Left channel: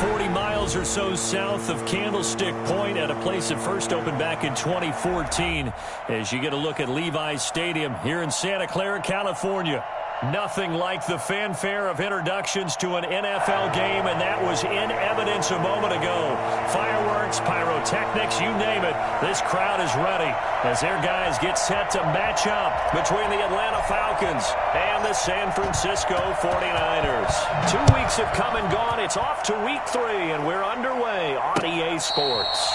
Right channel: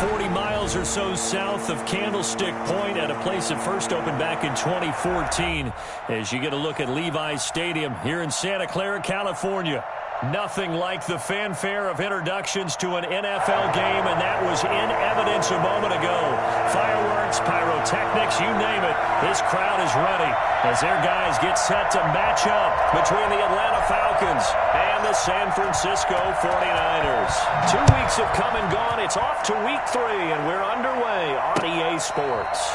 40 miles or so south of Candlestick Point at a place that first opened back in 2014 as you get a look at Levi's Stadium here in Santa Clara, California. Nothing like the fanfare of introductions to an NFL game, and that was in evidence a moment ago. Fireworks, pyrotechnics, you name it. This crowd is ready as their guys get set to match up between the Atlanta Falcons and the San Francisco 49ers. 2 weeks have come and gone. It's off to week 3, and we're underway on EA Sports.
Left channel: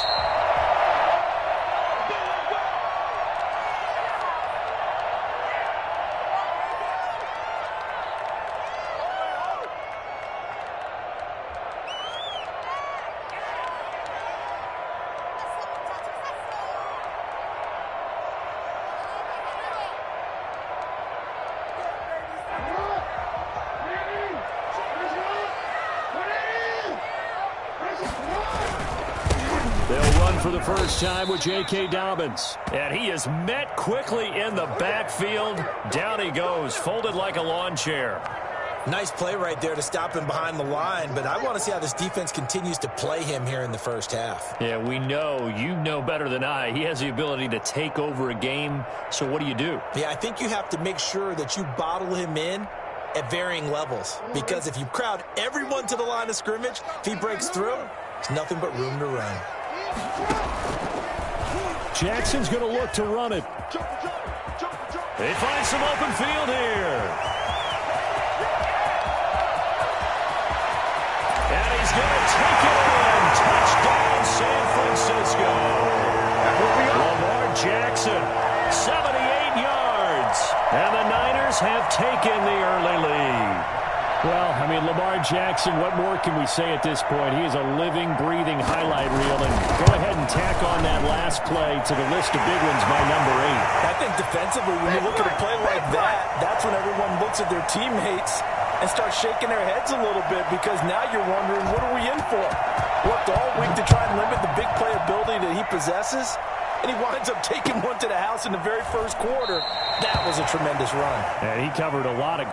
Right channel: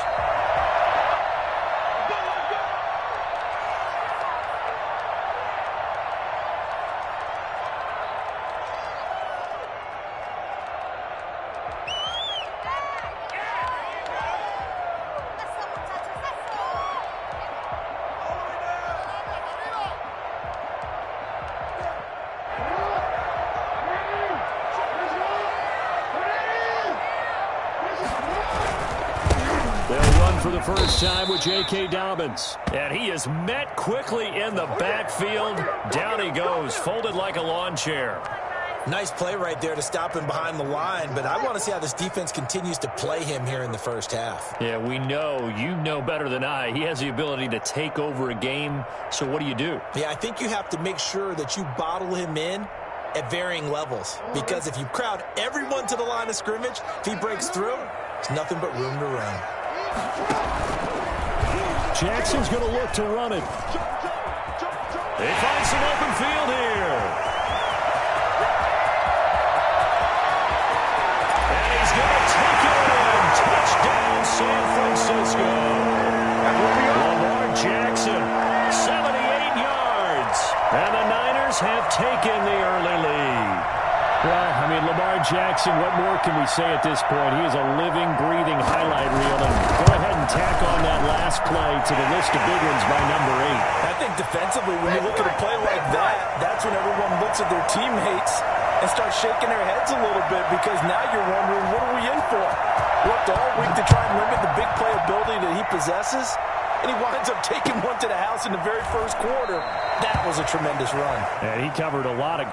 For the first time with J.K. Dobbins. And he is met quickly in the backfield. Down he goes, folded like a lawn chair. Nice play right there to stop him behind the line, but I want to see how this defense continues to play him here in the first half. Yeah, we know. You know better than I. He has the ability to take over a game, so what do? Yeah, I think you have to make sure that you bottle him in at varying levels, because if you crowd everyone to the line of scrimmage, if he breaks through, there's nothing but room to run. Jackson's going to look to run it. They find some open field here. And he's going to take it in. Touchdown, San Francisco. Lamar Jackson, 78 yards. And the Niners have taken the early lead. Well, I mean, Lamar Jackson, what more can we say at this point? He is a living, breathing highlight reel. And go ahead and tack on that last play to the list of big ones by number 8. I think defensively, when you look at a play like that, that's when everyone looks at their teammates and starts shaking their heads a little bit, because now you're wondering, what are we in for? Worked all week to try and limit the big play ability that he possesses, and he winds up taking one to the house in the very first quarter. That was a tremendous run. And he covered a lot of...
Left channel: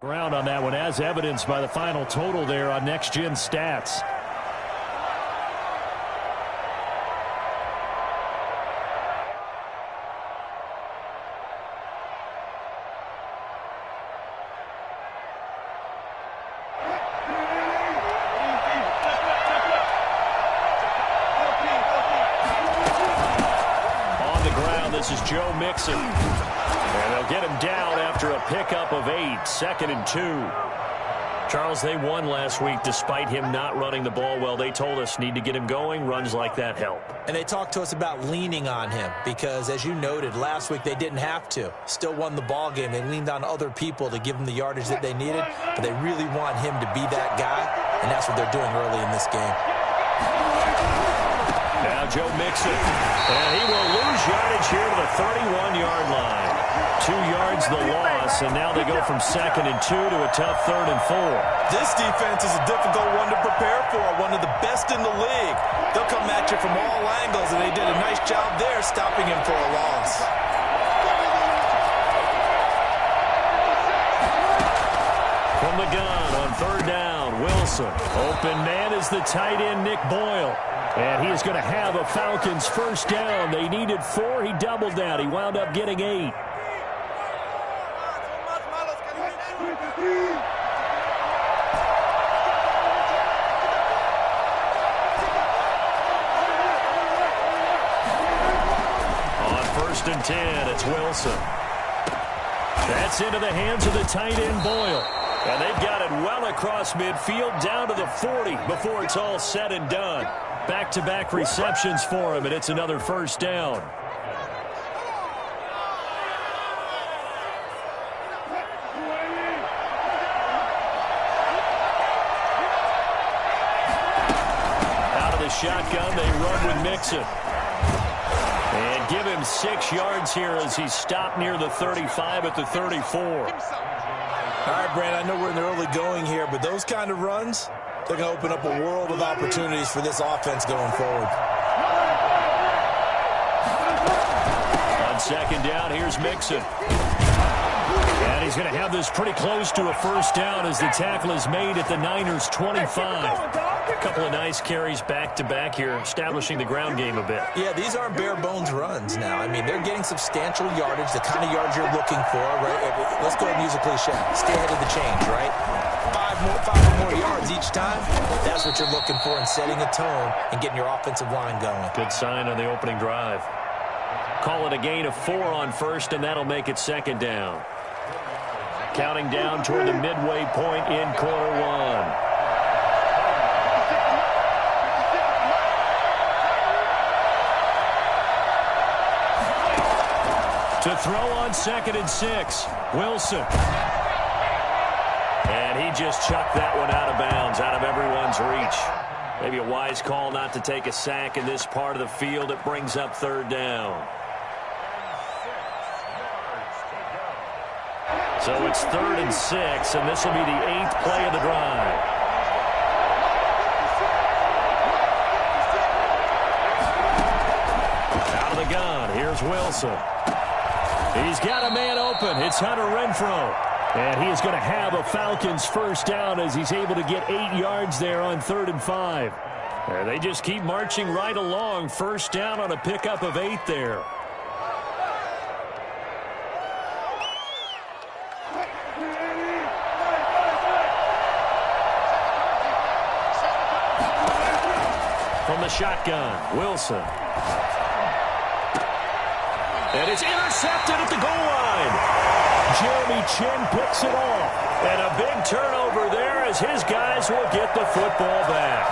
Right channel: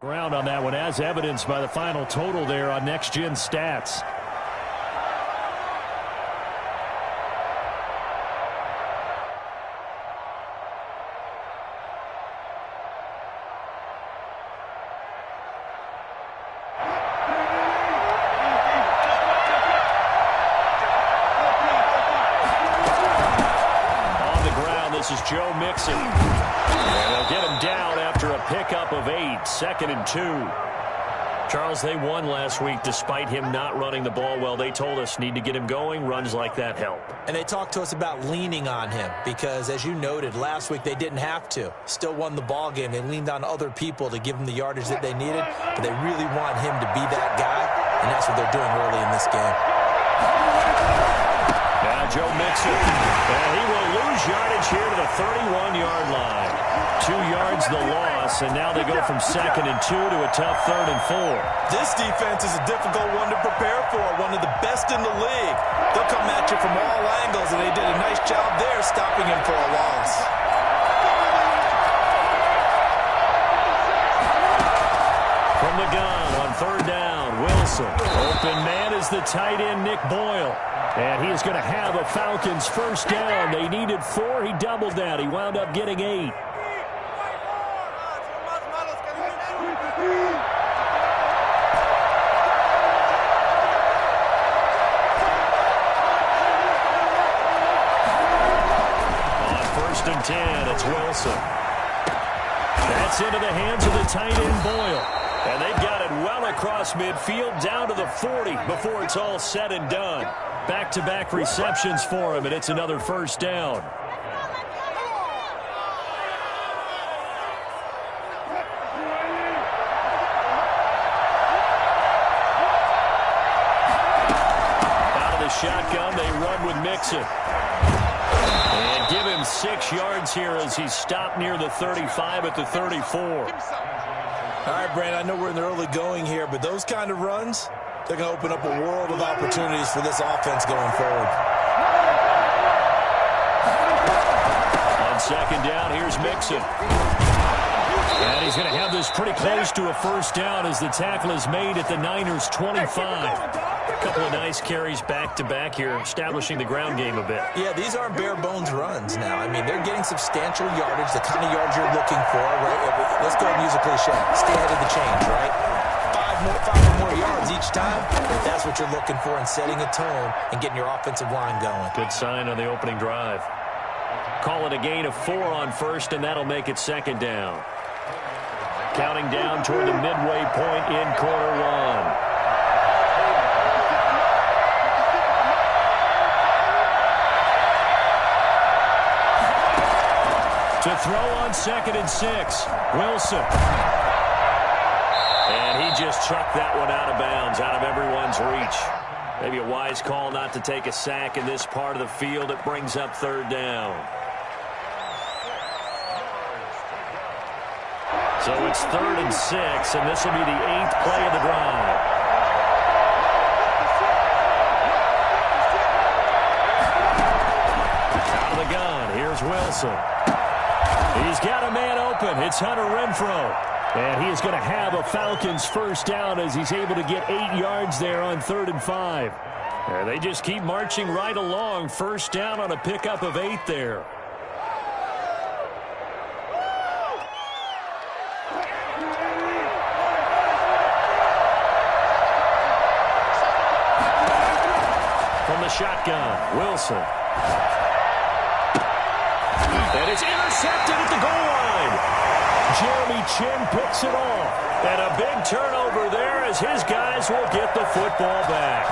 Ground on that one, as evidenced by the final total there on Next Gen Stats. On the ground, this is Joe Mixon. And they'll get him down after a pickup of 8, 2nd and 2. Charles, they won last week despite him not running the ball well. They told us need to get him going. Runs like that help. And they talked to us about leaning on him because, as you noted, last week they didn't have to. Still won the ball game. They leaned on other people to give them the yardage that they needed, but they really want him to be that guy, and that's what they're doing early in this game. Now Joe Mixon, and he will lose yardage here to the 31-yard line. 2 yards the loss, and now they go from 2nd and 2 to a tough 3rd and 4. This defense is a difficult one to prepare for, one of the best in the league. They'll come at you from all angles, and they did a nice job there stopping him for a loss. From the gun on 3rd down, Wilson. Open man is the tight end, Nick Boyle. And he is going to have a Falcons first down. They needed 4. He doubled that. He wound up getting 8. On 1st and 10, it's Wilson. That's into the hands of the tight end, Boyle. And they've got it well across midfield down to the 40 before it's all said and done. Back-to-back receptions for him, and it's another first down. Out of the shotgun, they run with Mixon. And give him 6 yards here as he stopped near the 35 at the 34. All right, Brandon, I know we're in the early going here, but those kind of runs, they're going to open up a world of opportunities for this offense going forward. On second down, here's Mixon. And he's going to have this pretty close to a first down as the tackle is made at the Niners' 25. A couple of nice carries back-to-back here, establishing the ground game a bit. Yeah, these aren't bare-bones runs now. I mean, they're getting substantial yardage, the kind of yards you're looking for, right? Let's go ahead and use a cliche. Stay ahead of the chains, right? Five or more yards each time. That's what you're looking for in setting a tone and getting your offensive line going. Good sign on the opening drive. Call it a gain of 4 on first, and that'll make it second down. Counting down toward the midway point in quarter one. To throw on 2nd and 6, Wilson. And he just chucked that one out of bounds, out of everyone's reach. Maybe a wise call not to take a sack in this part of the field. It brings up 3rd down. So it's 3rd and 6, and this will be the 8th play of the drive. Out of the gun, here's Wilson. He's got a man open. It's Hunter Renfrow. And he is going to have a Falcons first down as he's able to get 8 yards there on 3rd and 5. And they just keep marching right along. First down on a pickup of 8 there. From the shotgun, Wilson. And it's intercepted at the goal line. Jeremy Chin picks it off. And a big turnover there as his guys will get the football back.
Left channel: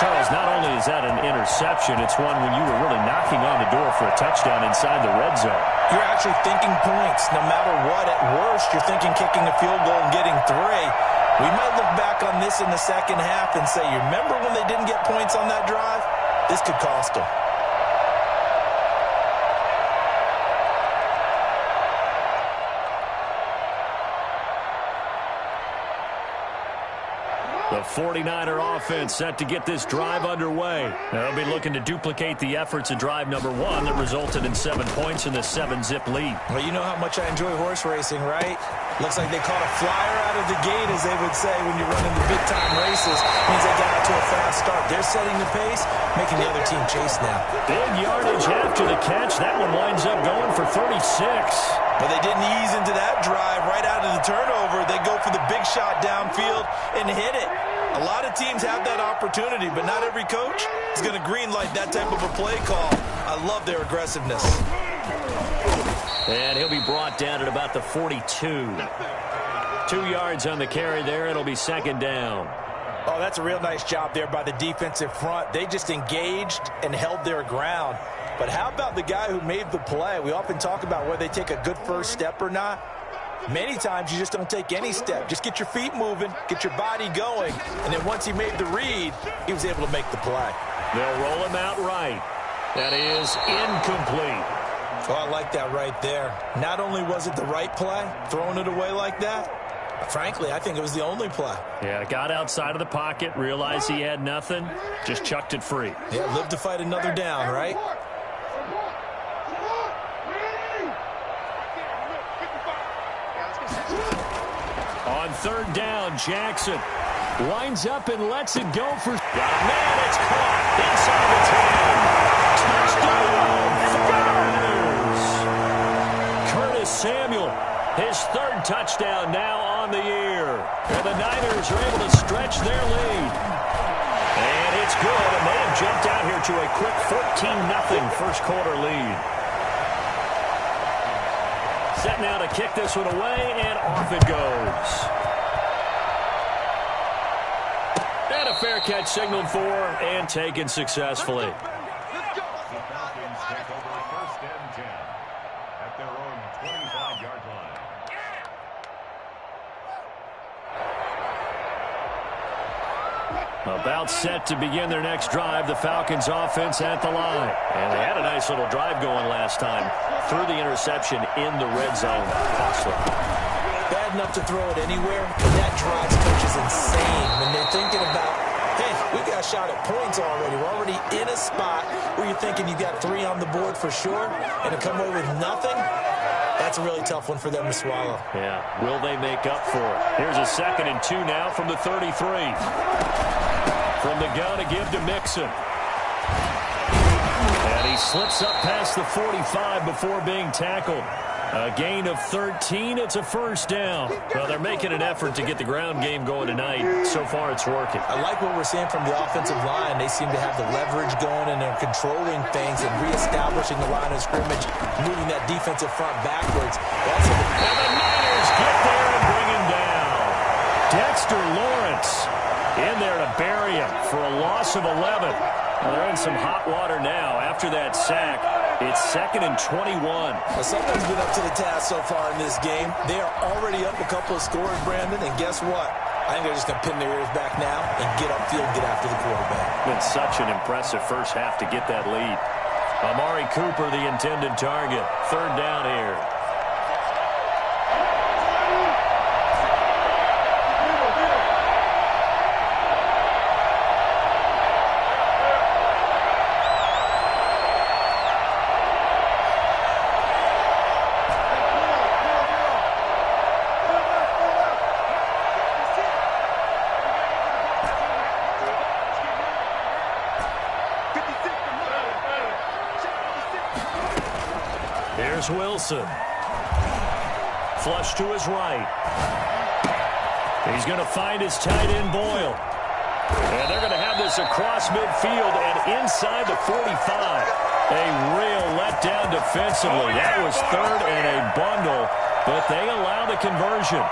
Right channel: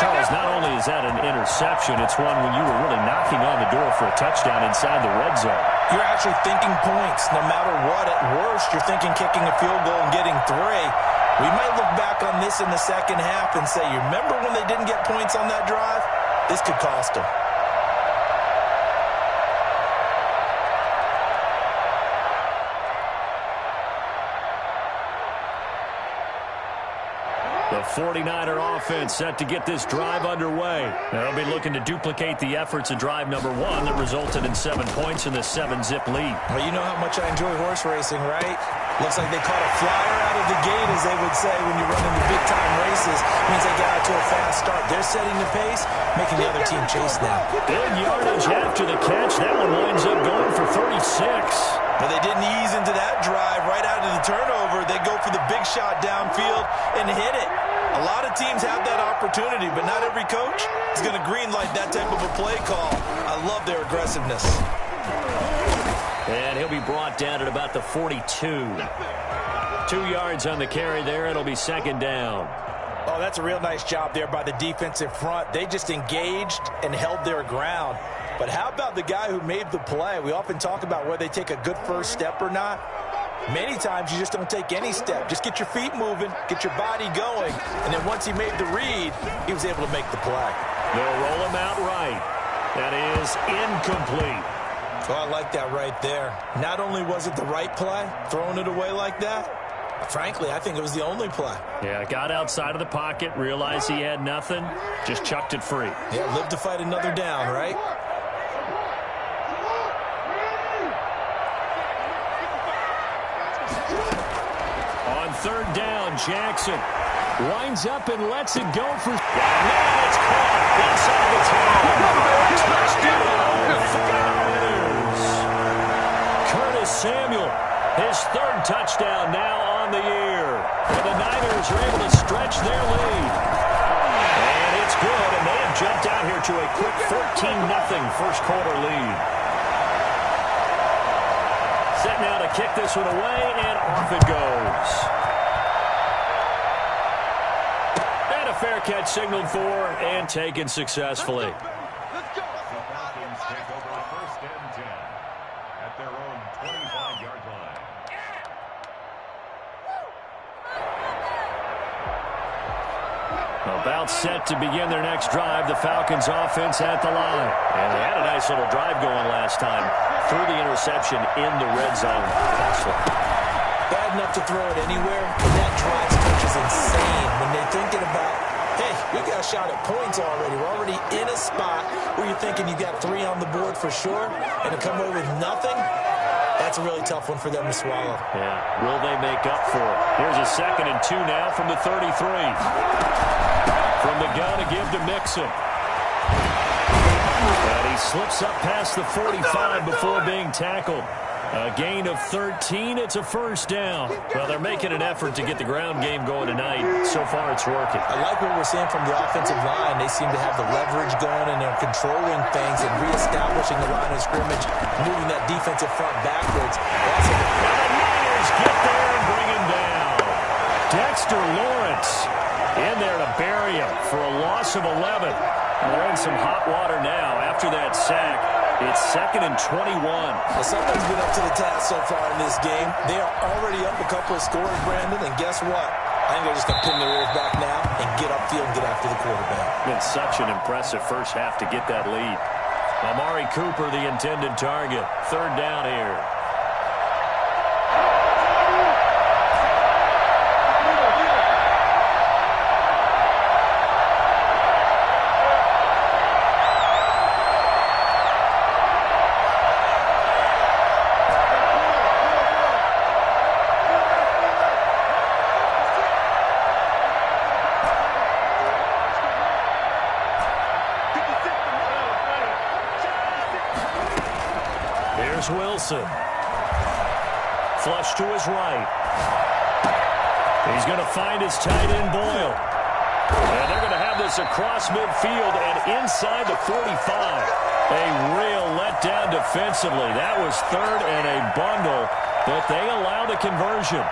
Charles, not only is that an interception, it's one when you were really knocking on the door for a touchdown inside the red zone. You're actually thinking points. No matter what, at worst, you're thinking kicking a field goal and getting 3. We might look back on this in the second half and say, you remember when they didn't get points on that drive? This could cost them. The 49er offense set to get this drive underway. They'll be looking to duplicate the efforts of drive number 1 that resulted in 7 points in the 7-zip lead. Well, you know how much I enjoy horse racing, right? Looks like they caught a flyer out of the gate, as they would say when you're running the big-time races. Means they got out to a fast start. They're setting the pace, making the other team chase now. Big yardage after the catch. That one winds up going for 36. But they didn't ease into that drive right out of the turnover. They go for the big shot downfield and hit it. A lot of teams have that opportunity, but not every coach is going to greenlight that type of a play call. I love their aggressiveness. And he'll be brought down at about the 42. 2 yards on the carry there. It'll be second down. Oh, that's a real nice job there by the defensive front. They just engaged and held their ground. But how about the guy who made the play? We often talk about whether they take a good first step or not. Many times you just don't take any step. Just get your feet moving, get your body going, and then once he made the read, he was able to make the play. They'll roll him out right. That is incomplete. Oh, I like that right there. Not only was it the right play, throwing it away like that, frankly, I think it was the only play. Yeah, got outside of the pocket, realized he had nothing, just chucked it free. Yeah, live to fight another down, right? On 3rd down, Jackson winds up and lets it go for... Got a man, it's caught inside the 10. Touchdown, 49ers. Curtis Samuel, his 3rd touchdown now on the year. And the Niners are able to stretch their lead. And it's good, and they have jumped out here to a quick 14-0 first quarter lead. Set now to kick this one away, and off it goes. And a fair catch signaled for and taken successfully. Let's go. The Falcons take over 1st and 10 at their own 25-yard line. About set to begin their next drive, the Falcons offense at the line. And they had a nice little drive going last time. Threw the interception in the red zone. Costly. bad enough to throw it anywhere, but that drives coaches insane when they're thinking about, hey, we've got a shot at points already. We're already in a spot where you're thinking you got 3 on the board for sure, and to come away with nothing, that's a really tough one for them to swallow. Yeah, will they make up for it? Here's a 2nd and 2 now from the 33. From the gun to give to Mixon. And he slips up past the 45 before being tackled. A gain of 13. It's a first down. Well, they're making an effort to get the ground game going tonight. So far, it's working. I like what we're seeing from the offensive line. They seem to have the leverage going, and they're controlling things and reestablishing the line of scrimmage, moving that defensive front backwards. Also, now the Niners get there and bring him down. Dexter Lawrence in there to bury him for a loss of 11. Well, they're in some hot water now. After that sack, it's 2nd and 21. Well, someone's been up to the task so far in this game. They are already up a couple of scores, Brandon, and guess what? I think they're just going to pin their ears back now and get upfield and get after the quarterback. Been such an impressive first half to get that lead. Amari Cooper, the intended target. 3rd down here. Here's Wilson. Flush to his right. He's going to find his tight end, Boyle. And they're going to have this across midfield and inside the 45. A real letdown defensively. That was 3rd and a bundle, but they allow the conversion.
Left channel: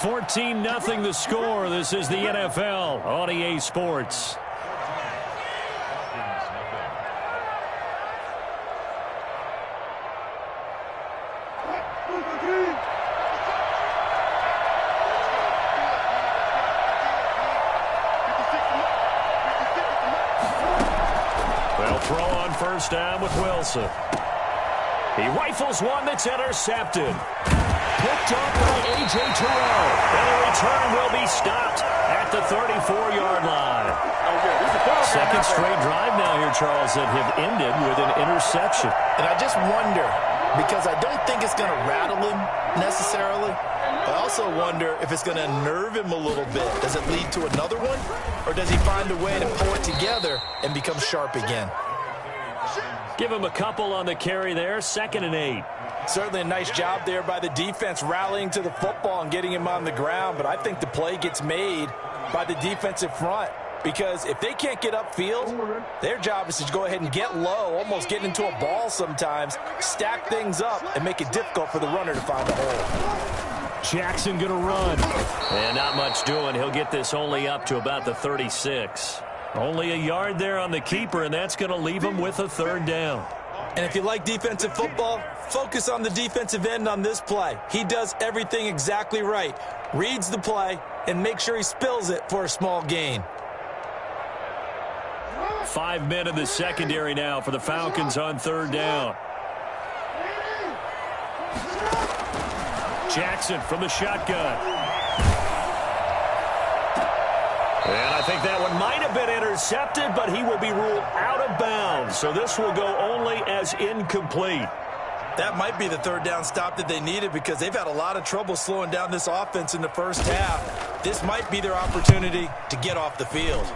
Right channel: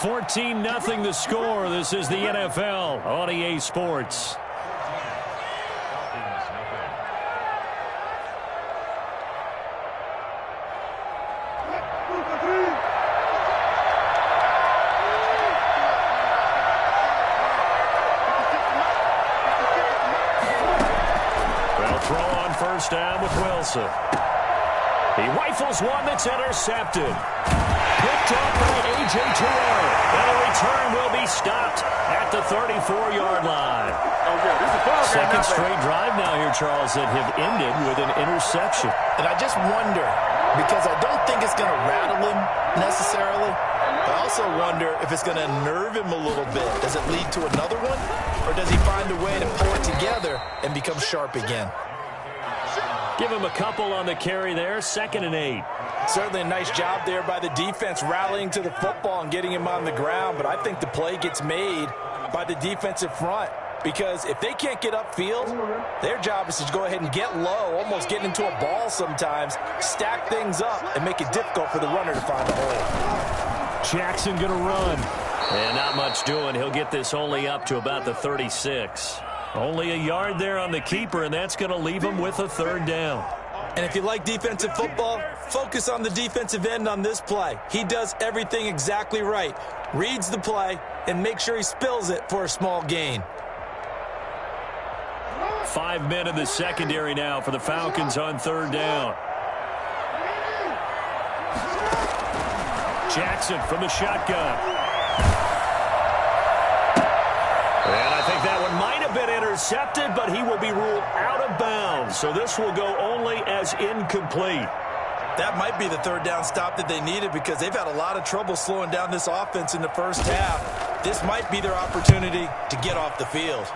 $14-0 the score. This is the NFL on EA Sports. Well, throw on first down with Wilson. He rifles one that's intercepted. Picked off by A.J. Terrell. And the return will be stopped at the 34-yard line. Second straight drive now here, Charles, that have ended with an interception. And I just wonder, because I don't think it's going to rattle him necessarily, I also wonder if it's going to nerve him a little bit. Does it lead to another one? Or does he find a way to pull it together and become sharp again? Give him a couple on the carry there. 2nd and 8. Certainly a nice job there by the defense rallying to the football and getting him on the ground, but I think the play gets made by the defensive front because if they can't get upfield, their job is to go ahead and get low, almost get into a ball sometimes, stack things up, and make it difficult for the runner to find a hole. Jackson going to run. And not much doing. He'll get this only up to about the 36. Only a yard there on the keeper, and that's going to leave him with a 3rd down. And if you like defensive football, focus on the defensive end on this play. He does everything exactly right. Reads the play and make sure he spills it for a small gain. 5 men in the secondary now for the Falcons on 3rd down. Jackson from the shotgun. And I think that one might have been intercepted, but he will be ruled out of bounds. So this will go only as incomplete. That might be the 3rd down stop that they needed because they've had a lot of trouble slowing down this offense in the first half. This might be their opportunity to get off the field.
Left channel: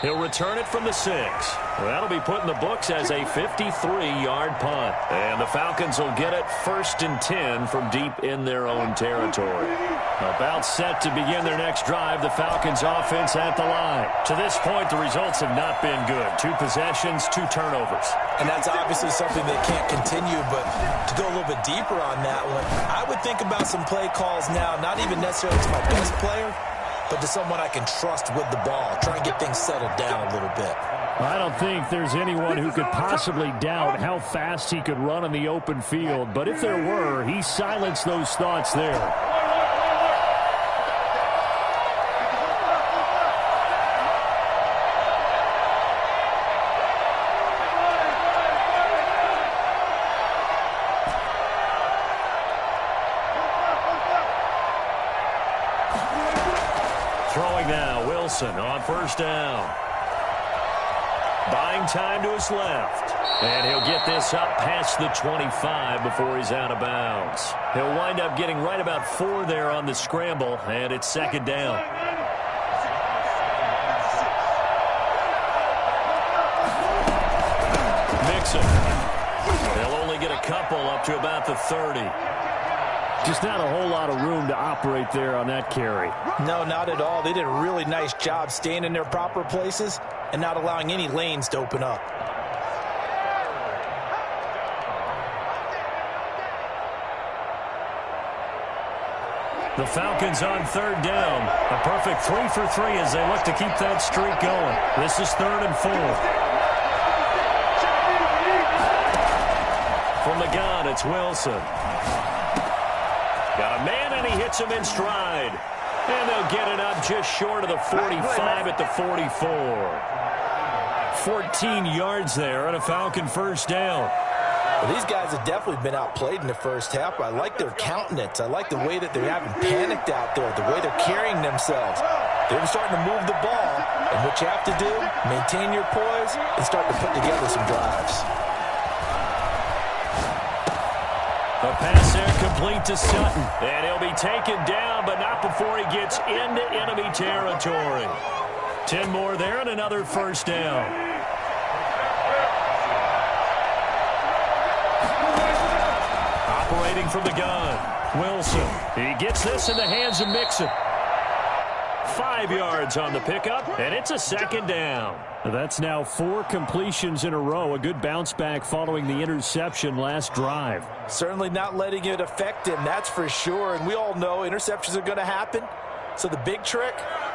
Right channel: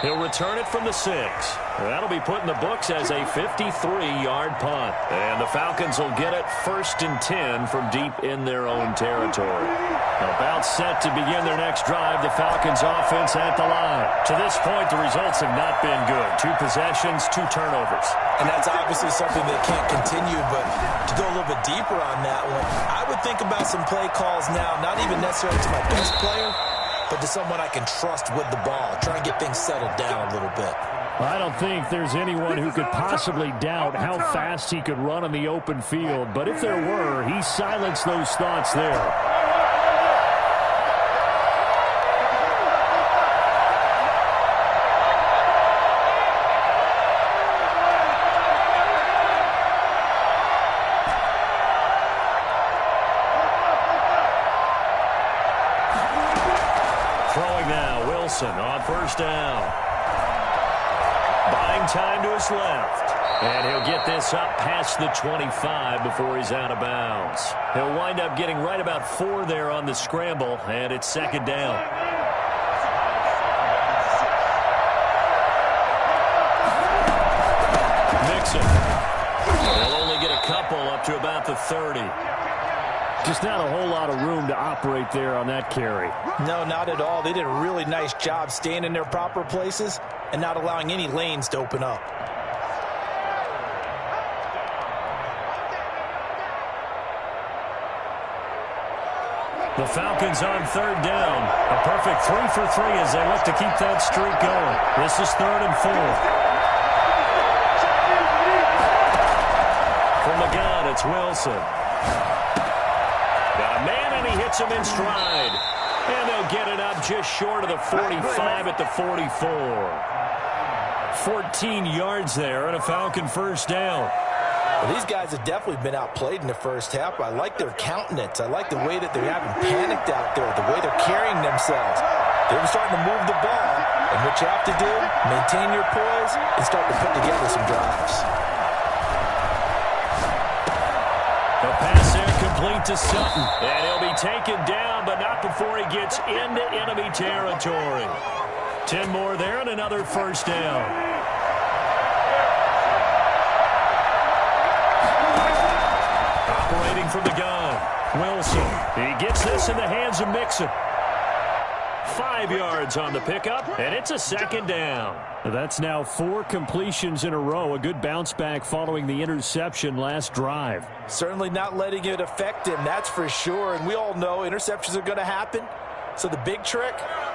He'll return it from the 6. That'll be put in the books as a 53-yard punt. And the Falcons will get it 1st and 10 from deep in their own territory. About set to begin their next drive, the Falcons offense at the line. To this point, the results have not been good. 2 possessions, 2 turnovers. And that's obviously something that can't continue, but to go a little bit deeper on that one, I would think about some play calls now, not even necessarily to my best player, but to someone I can trust with the ball. Try and get things settled down a little bit. I don't think there's anyone who could possibly doubt how fast he could run in the open field. But if there were, he silenced those thoughts there. Throwing now, Wilson on first down. Buying time to his left. And he'll get this up past the 25 before he's out of bounds. He'll wind up getting right about 4 there on the scramble, and it's second down. Mixon. They'll only get a couple up to about the 30. Just not a whole lot of room to operate there on that carry. No, not at all. They did a really nice job staying in their proper places and not allowing any lanes to open up. The Falcons on third down. A perfect 3 for 3 as they look to keep that streak going. This is 3rd and 4. From the gun, it's Wilson. Got a man, and he hits him in stride. And they'll get it up just short of the 45 at the 44. 14 yards there and a Falcon first down. Well, these guys have definitely been outplayed in the first half. I like their countenance. I like the way that they haven't panicked out there, the way they're carrying themselves. They're starting to move the ball, and what you have to do, maintain your poise and start to put together some drives. The pass there complete to Sutton. And he'll be taken down, but not before he gets into enemy territory. 10 more there and another first down. Operating from the gun, Wilson. He gets this in the hands of Mixon. 5 yards on the pickup, and it's a second down. That's now 4 completions in a row. A good bounce back following the interception last drive. Certainly not letting it affect him, that's for sure. And we all know interceptions are going to happen. So the big trick,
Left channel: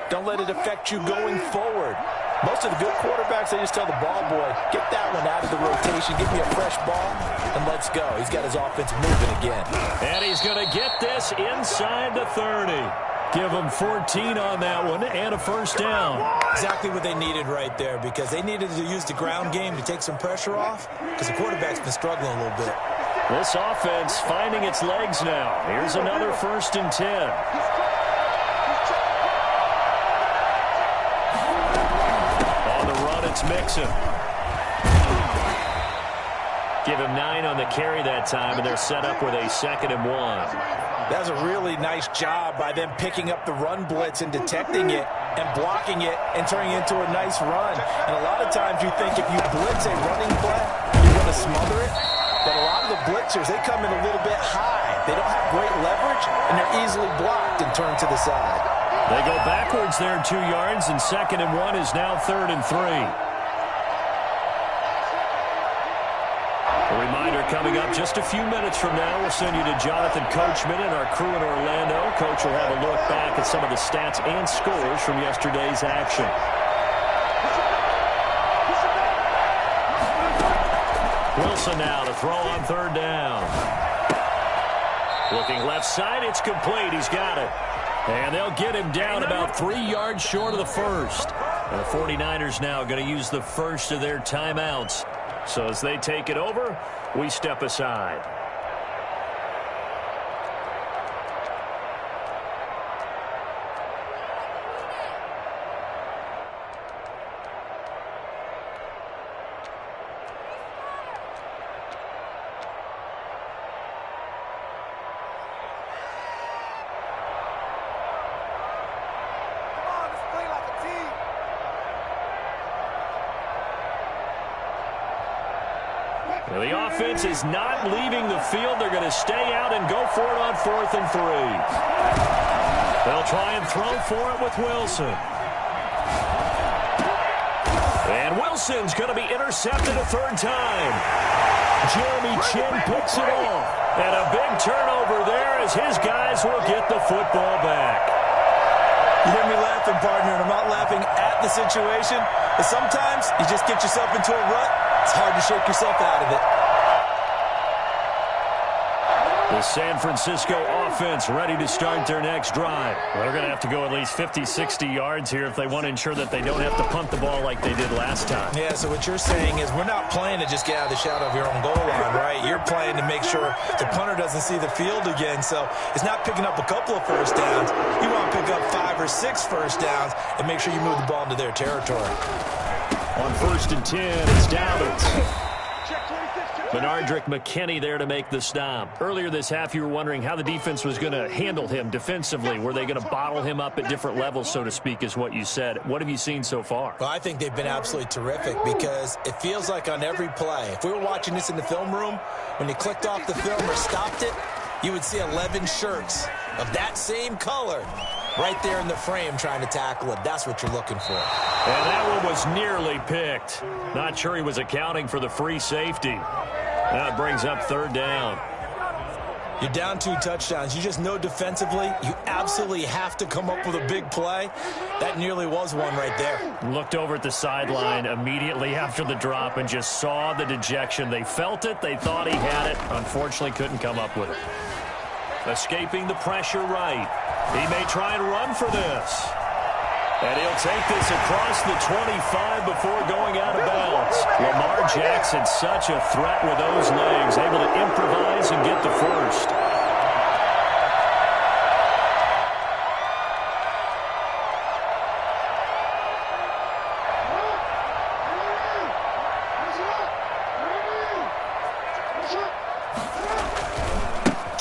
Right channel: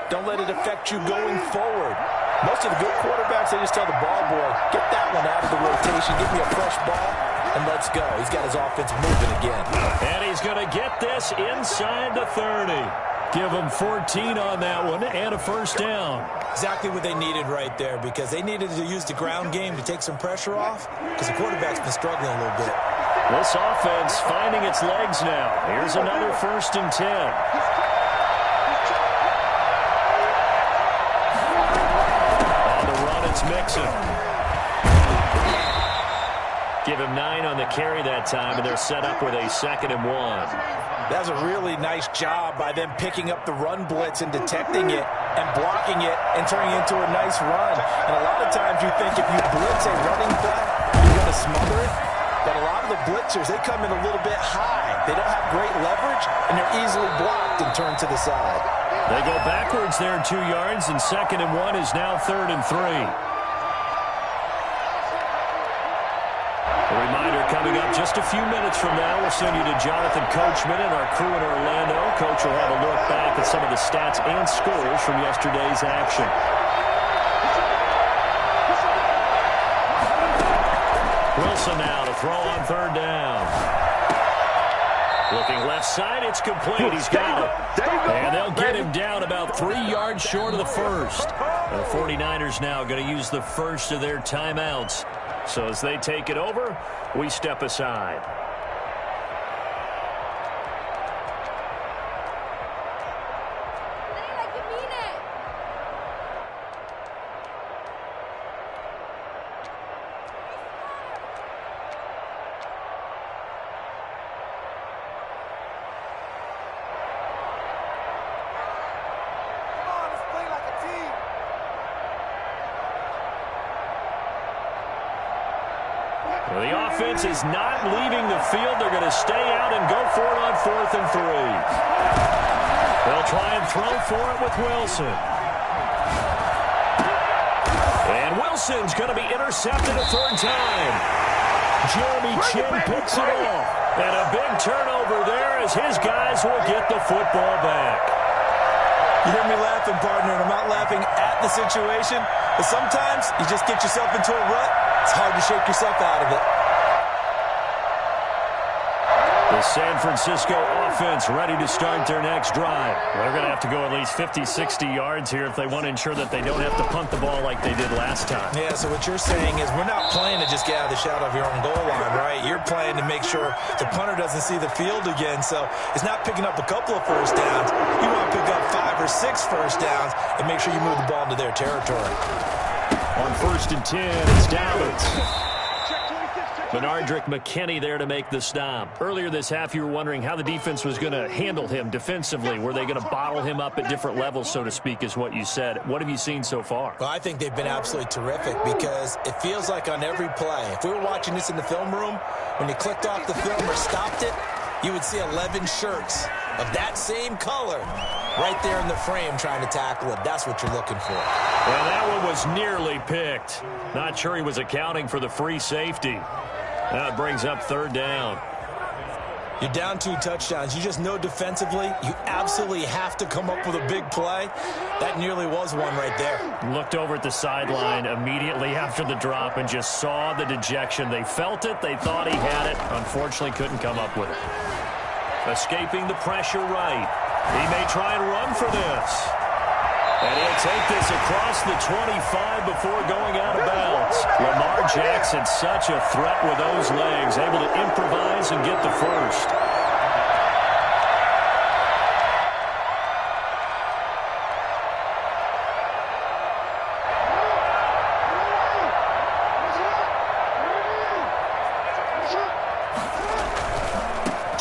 don't let it affect you going forward. Most of the good quarterbacks, they just tell the ball boy, get that one out of the rotation, give me a fresh ball, and let's go. He's got his offense moving again. And he's going to get this inside the 30. Give them 14 on that one and a first down. Exactly what they needed right there, because they needed to use the ground game to take some pressure off, because the quarterback's been struggling a little bit. This offense finding its legs now. Here's another 1st and 10. On the run, it's Mixon. Give him 9 on the carry that time, and they're set up with a 2nd and 1. That was a really nice job by them picking up the run blitz and detecting it and blocking it and turning it into a nice run. And a lot of times you think if you blitz a running play, you're going to smother it. But a lot of the blitzers, they come in a little bit high. They don't have great leverage, and they're easily blocked and turned to the side. They go backwards there 2 yards, and 2nd and 1 is now 3rd and 3. A reminder coming up just a few minutes from now. We'll send you to Jonathan Coachman and our crew in Orlando. Coach will have a look back at some of the stats and scores from yesterday's action. Wilson now to throw on 3rd down. Looking left side, it's complete. He's got it. And they'll get him down about 3 yards short of the first. And the 49ers now going to use the first of their timeouts. So as they take it over, we step aside. Well, the offense is not leaving the field. They're going to stay out and go for it on 4th and 3. They'll try and throw for it with Wilson. And Wilson's going to be intercepted a 3rd time. Jeremy Chin picks it off. And a big turnover there as his guys will get the football back. You hear me laughing, partner, and I'm not laughing at the situation, but sometimes you just get yourself into a rut. It's hard to shake yourself out of it. The San Francisco offense ready to start their next drive. They're going to have to go at least 50, 60 yards here if they want to ensure that they don't have to punt the ball like they did last time. Yeah, so what you're saying is we're not playing to just get out of the shadow of your own goal line, right? You're playing to make sure the punter doesn't see the field again. So it's not picking up a couple of first downs. You want to pick up 5 or 6 first downs and make sure you move the ball into their territory. On 1st and 10, it's Dallas. Benardrick McKinney there to make the stop. Earlier this half, you were wondering how the defense was going to handle him defensively. Were they going to bottle him up at different levels, so to speak, is what you said. What have you seen so far? Well, I think they've been absolutely terrific because it feels like on every play, if we were watching this in the film room, when you clicked off the film or stopped it, you would see 11 shirts of that same color right there in the frame trying to tackle it. That's what you're looking for. And that one was nearly picked. Not sure he was accounting for the free safety. That brings up 3rd down. You're down 2 touchdowns. You just know defensively you absolutely have to come up with a big play. That nearly was one right there. Looked over at the sideline immediately after the drop and just saw the dejection. They felt it. They thought he had it. Unfortunately, couldn't come up with it. Escaping the pressure right. He may try and run for this. And he'll take this across the 25 before going out of bounds. Lamar Jackson, such a threat with those legs, able to improvise and get the first.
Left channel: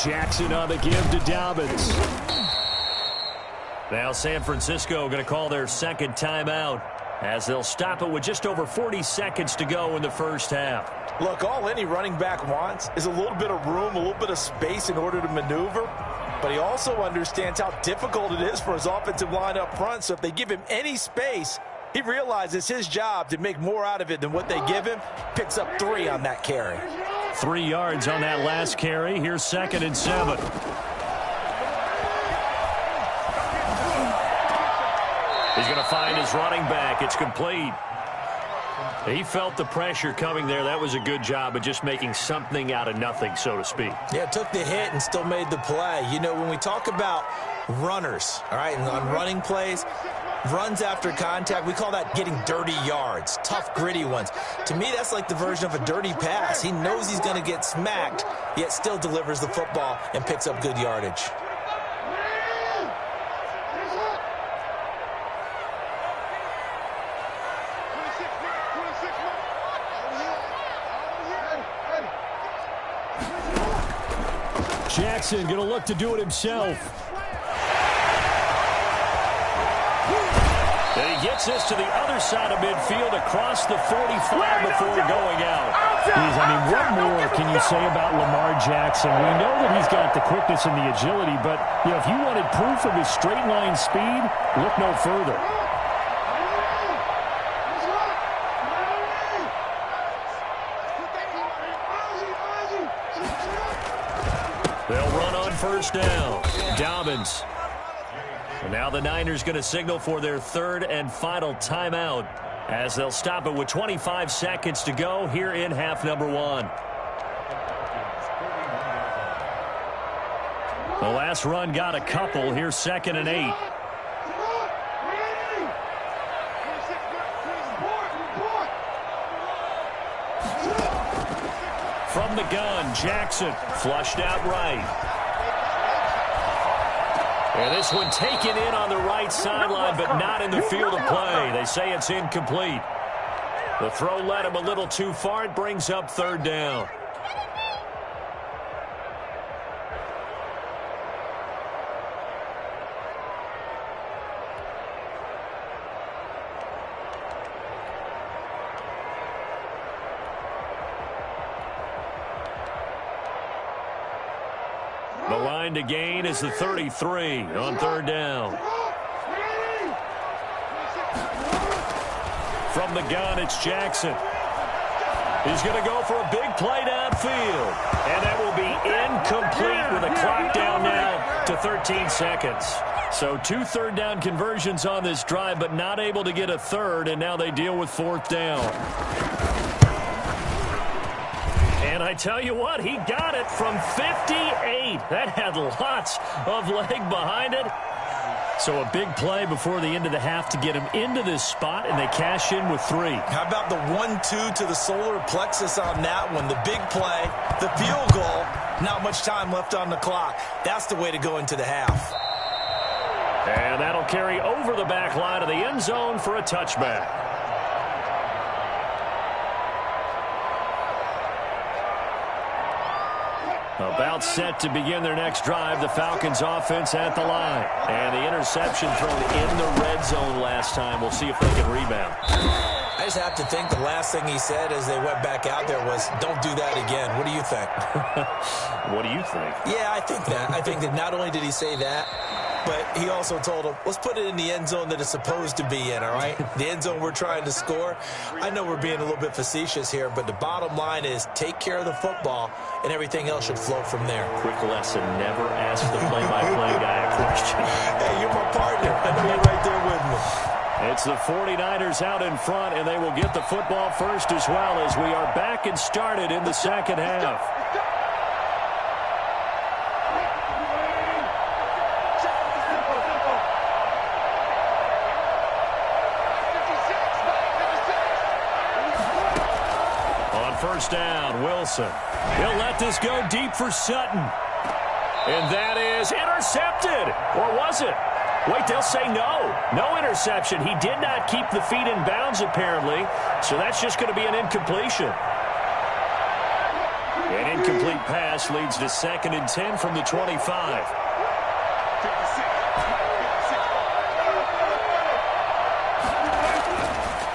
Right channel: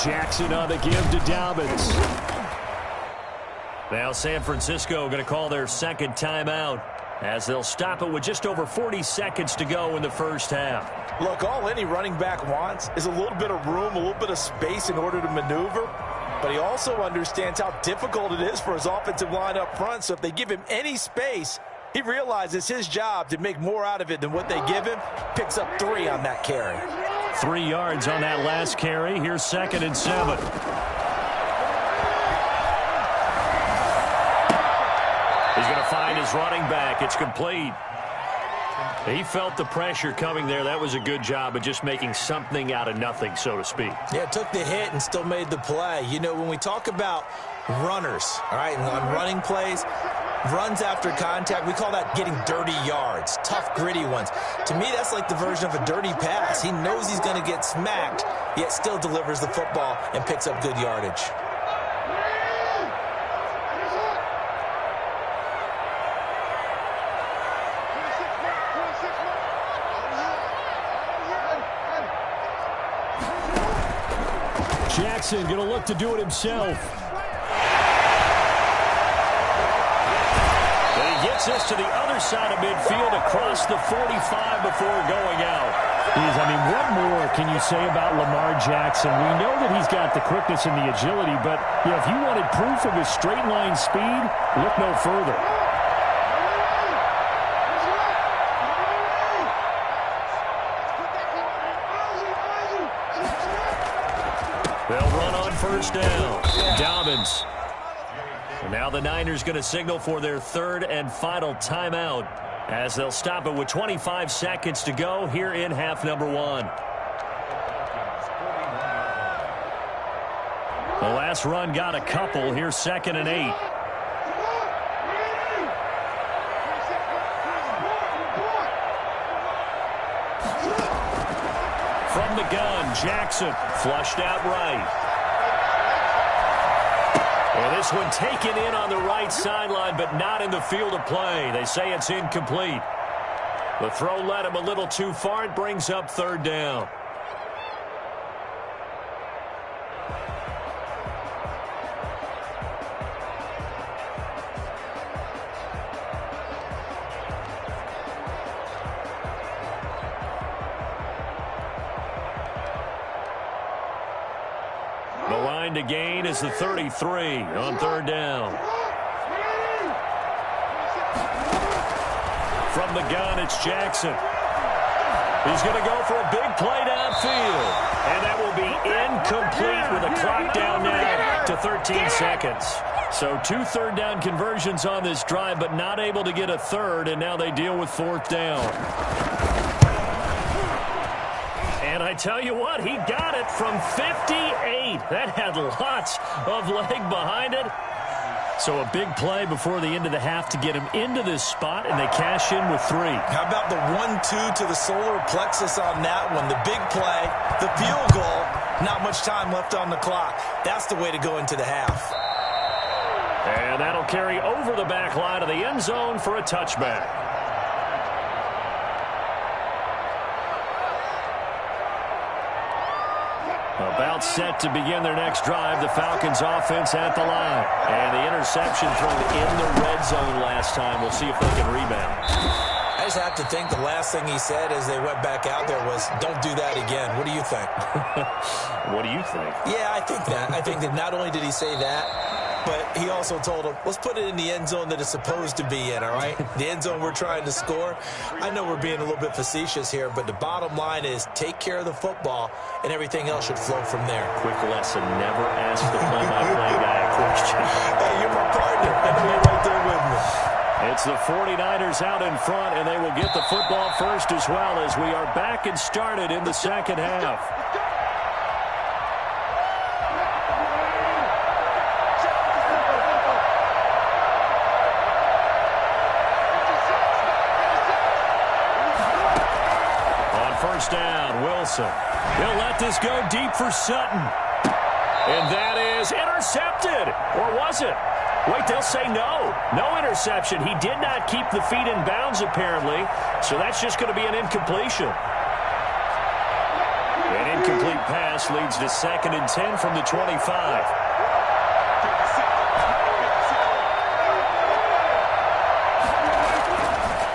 Jackson on the give to Dobbins. Now San Francisco going to call their 2nd timeout as they'll stop it with just over 40 seconds to go in the first half. Look, all any running back wants is a little bit of room, a little bit of space in order to maneuver. But he also understands how difficult it is for his offensive line up front. So if they give him any space, he realizes his job to make more out of it than what they give him. Picks up 3 on that carry. 3 yards on that last carry. Here's 2nd and 7. He's going to find his running back. It's complete. He felt the pressure coming there. That was a good job of just making something out of nothing, so to speak. Yeah, took the hit and still made the play. You know, when we talk about runners, all right, and on running plays, runs after contact, we call that getting dirty yards, tough, gritty ones. To me, that's like the version of a dirty pass. He knows he's going to get smacked, yet still delivers the football and picks up good yardage. Jackson going to look to do it himself. And he gets this to the other side of midfield across the 45 before going out. I mean, what more can you say about Lamar Jackson? We know that he's got the quickness and the agility, but you know, if you wanted proof of his straight line speed, look no further. They'll run on 1st down. Dobbins. And now the Niners going to signal for their 3rd and final timeout as they'll stop it with 25 seconds to go here in half number 1. The last run got a couple. Here's 2nd and 8. From the gun, Jackson flushed out right. And this one taken in on the right sideline, but not in the field of play. They say it's incomplete. The throw led him a little too far. It brings up 3rd down. The line to gain is the 33 on 3rd down. From the gun, it's Jackson. He's going to go for a big play downfield. And that will be incomplete with a clock down now to 13 seconds. So 2 3rd down conversions on this drive, but not able to get a 3rd, and now they deal with 4th down. And And I tell you what, he got it from 58. That had lots of leg behind it. So a big play before the end of the half to get him into this spot, and they cash in with 3. How about the 1-2 to the solar plexus on that one? The big play, the field goal, not much time left on the clock. That's the way to go into the half. And that'll carry over the back line of the end zone for a touchback. About set to begin their next drive, the Falcons offense at the line. And the interception thrown in the red zone last time. We'll see if they can rebound. I just have to think the last thing he said as they went back out there was, don't do that again. What do you think? What do you think? Yeah, I think that. I think that not only did he say that, but he also told him, let's put it in the end zone that it's supposed to be in, all right? The end zone we're trying to score. I know we're being a little bit facetious here, but the bottom line is take care of the football, and everything else should flow from there. Quick lesson, never ask the play-by-play guy a question. Hey, you're my partner. I know you're right there with me. It's the 49ers out in front, and they will get the football first as well as we are back and started in the second half. First down, Wilson. He'll let this go deep for Sutton. And that is intercepted. Or was it? Wait, they'll say no. No interception. He did not keep the feet in bounds, apparently. So that's just going to be an incompletion. An incomplete pass leads to 2nd and 10 from the 25.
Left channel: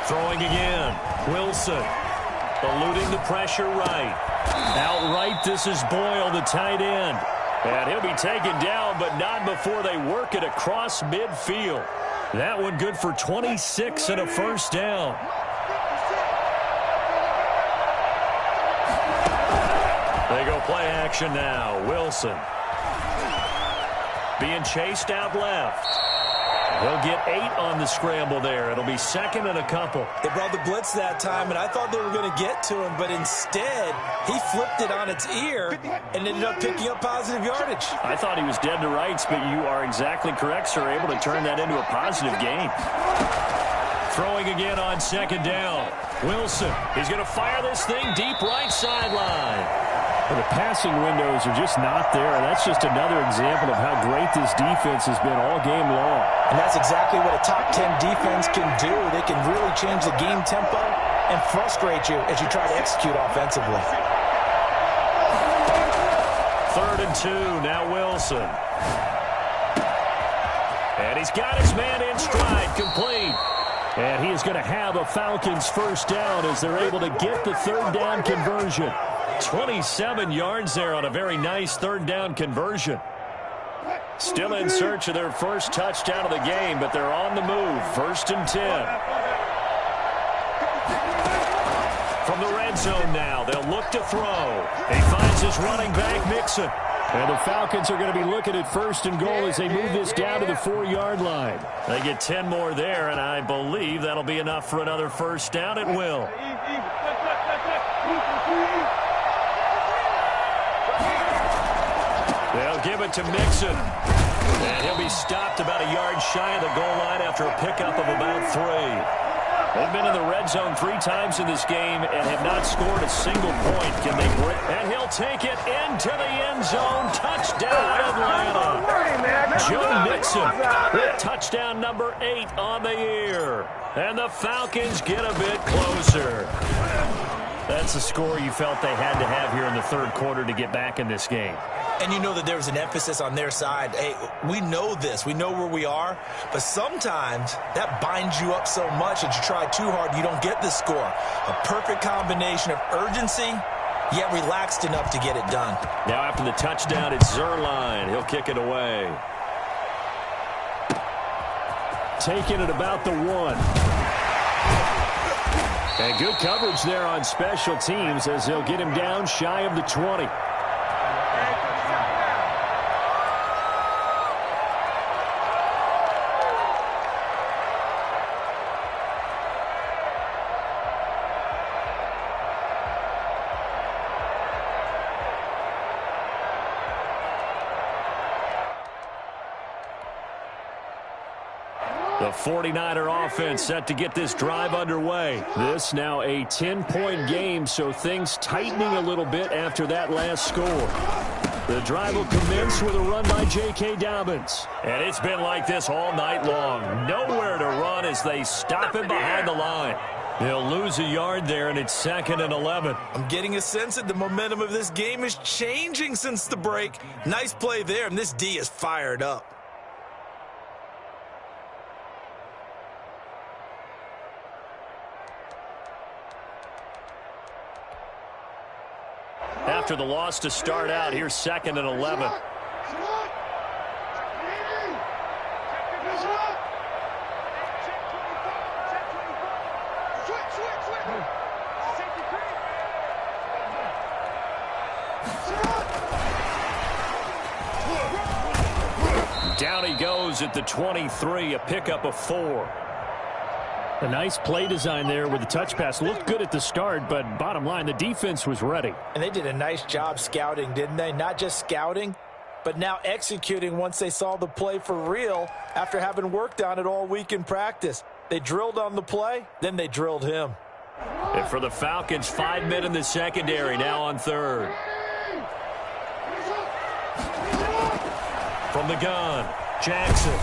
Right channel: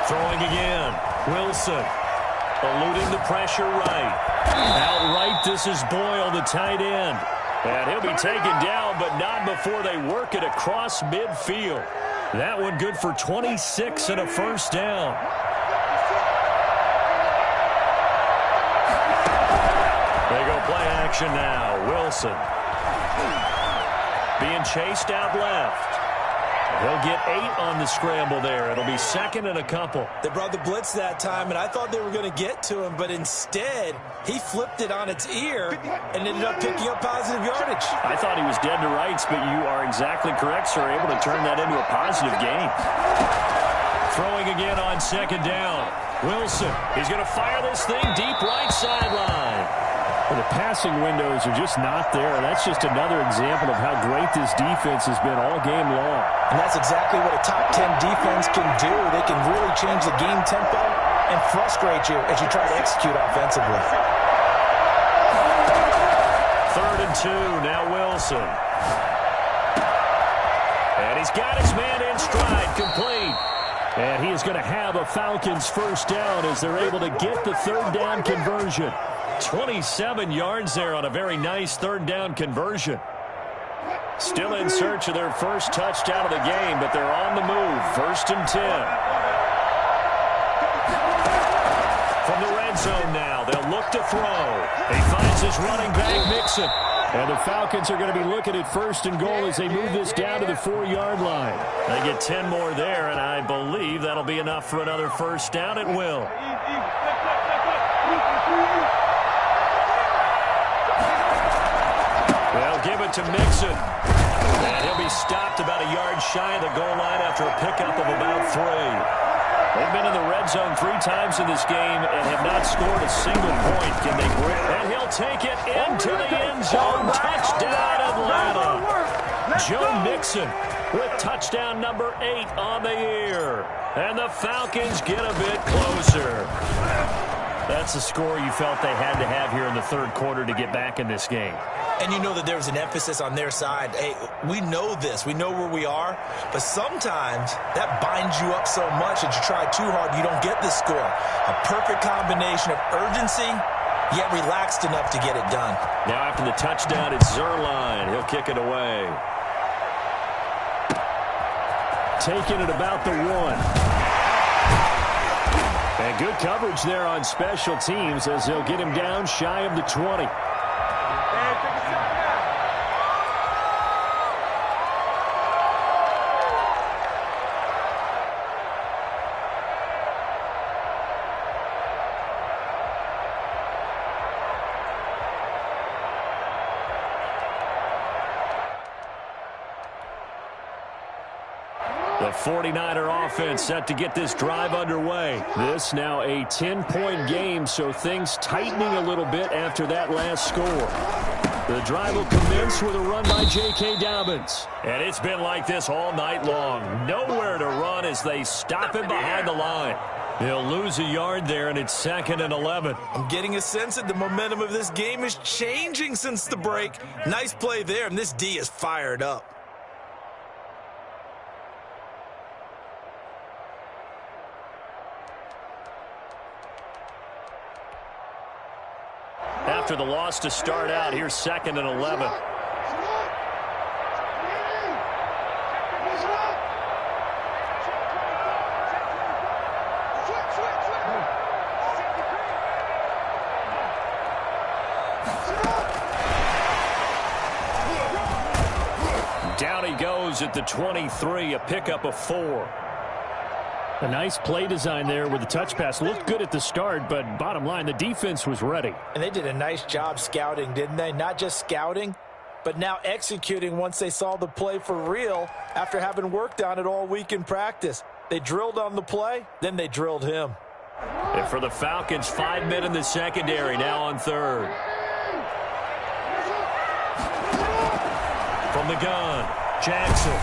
Throwing again. Wilson. Eluding the pressure right. Outright, this is Boyle, the tight end. And he'll be taken down, but not before they work it across midfield. That one good for 26 and a first down. They go play action now. Wilson. Being chased out left. He'll get 8 on the scramble there. It'll be 2nd and a couple. They brought the blitz that time, and I thought they were going to get to him, but instead, he flipped it on its ear and ended up picking up positive yardage. I thought he was dead to rights, but you are exactly correct, sir. Able to turn that into a positive gain. Throwing again on 2nd down. Wilson. He's going to fire this thing deep right sideline. Well, the passing windows are just not there, and that's just another example of how great this defense has been all game long. And that's exactly what a top 10 defense can do. They can really change the game tempo and frustrate you as you try to execute offensively. 3rd and 2, now Wilson. And he's got his man in stride, complete. And he is going to have a Falcons first down as they're able to get the 3rd down conversion. 27 yards there on a very nice 3rd down conversion. Still in search of their first touchdown of the game, but they're on the move. 1st and 10. From the red zone now, they'll look to throw. He finds his running back, Mixon. And the Falcons are going to be looking at 1st and goal as they move this down to the 4-yard line. They get 10 more there, and I believe that'll be enough for another first down at will. They'll give it to Mixon. And he'll be stopped about a yard shy of the goal line after a pickup of about 3. They've been in the red zone 3 times in this game and have not scored a single point. Can they break? And he'll take it into the end zone. Touchdown, Atlanta. Joe Mixon with touchdown number 8 on the year. And the Falcons get a bit closer. That's the score you felt they had to have here in the 3rd quarter to get back in this game. And you know that there's an emphasis on their side. Hey, we know this. We know where we are. But sometimes that binds you up so much that you try too hard, you don't get the score. A perfect combination of urgency, yet relaxed enough to get it done. Now after the touchdown, it's Zerline. He'll kick it away. Taking it about the 1. And good coverage there on special teams as they'll get him down shy of the 20. The 49er offense set to get this drive underway. This now a 10-point game, so things tightening a little bit after that last score. The drive will commence with a run by J.K. Dobbins. And it's been like this all night long. Nowhere to run as they stop him behind the line. They'll lose a yard there, and it's 2nd and 11. I'm getting a sense that the momentum of this game is changing since the break. Nice play there, and this D is fired up. After the loss to start out, here's 2nd and 11. Down he goes at the 23, a pickup of 4. A nice play design there with the touch pass. Looked good at the start, but bottom line, the defense was ready. And they did a nice job scouting, didn't they? Not just scouting, but now executing once they saw the play for real after having worked on it all week in practice. They drilled on the play, then they drilled him. And for the Falcons, 5 men in the secondary, now on 3rd. From the gun, Jackson.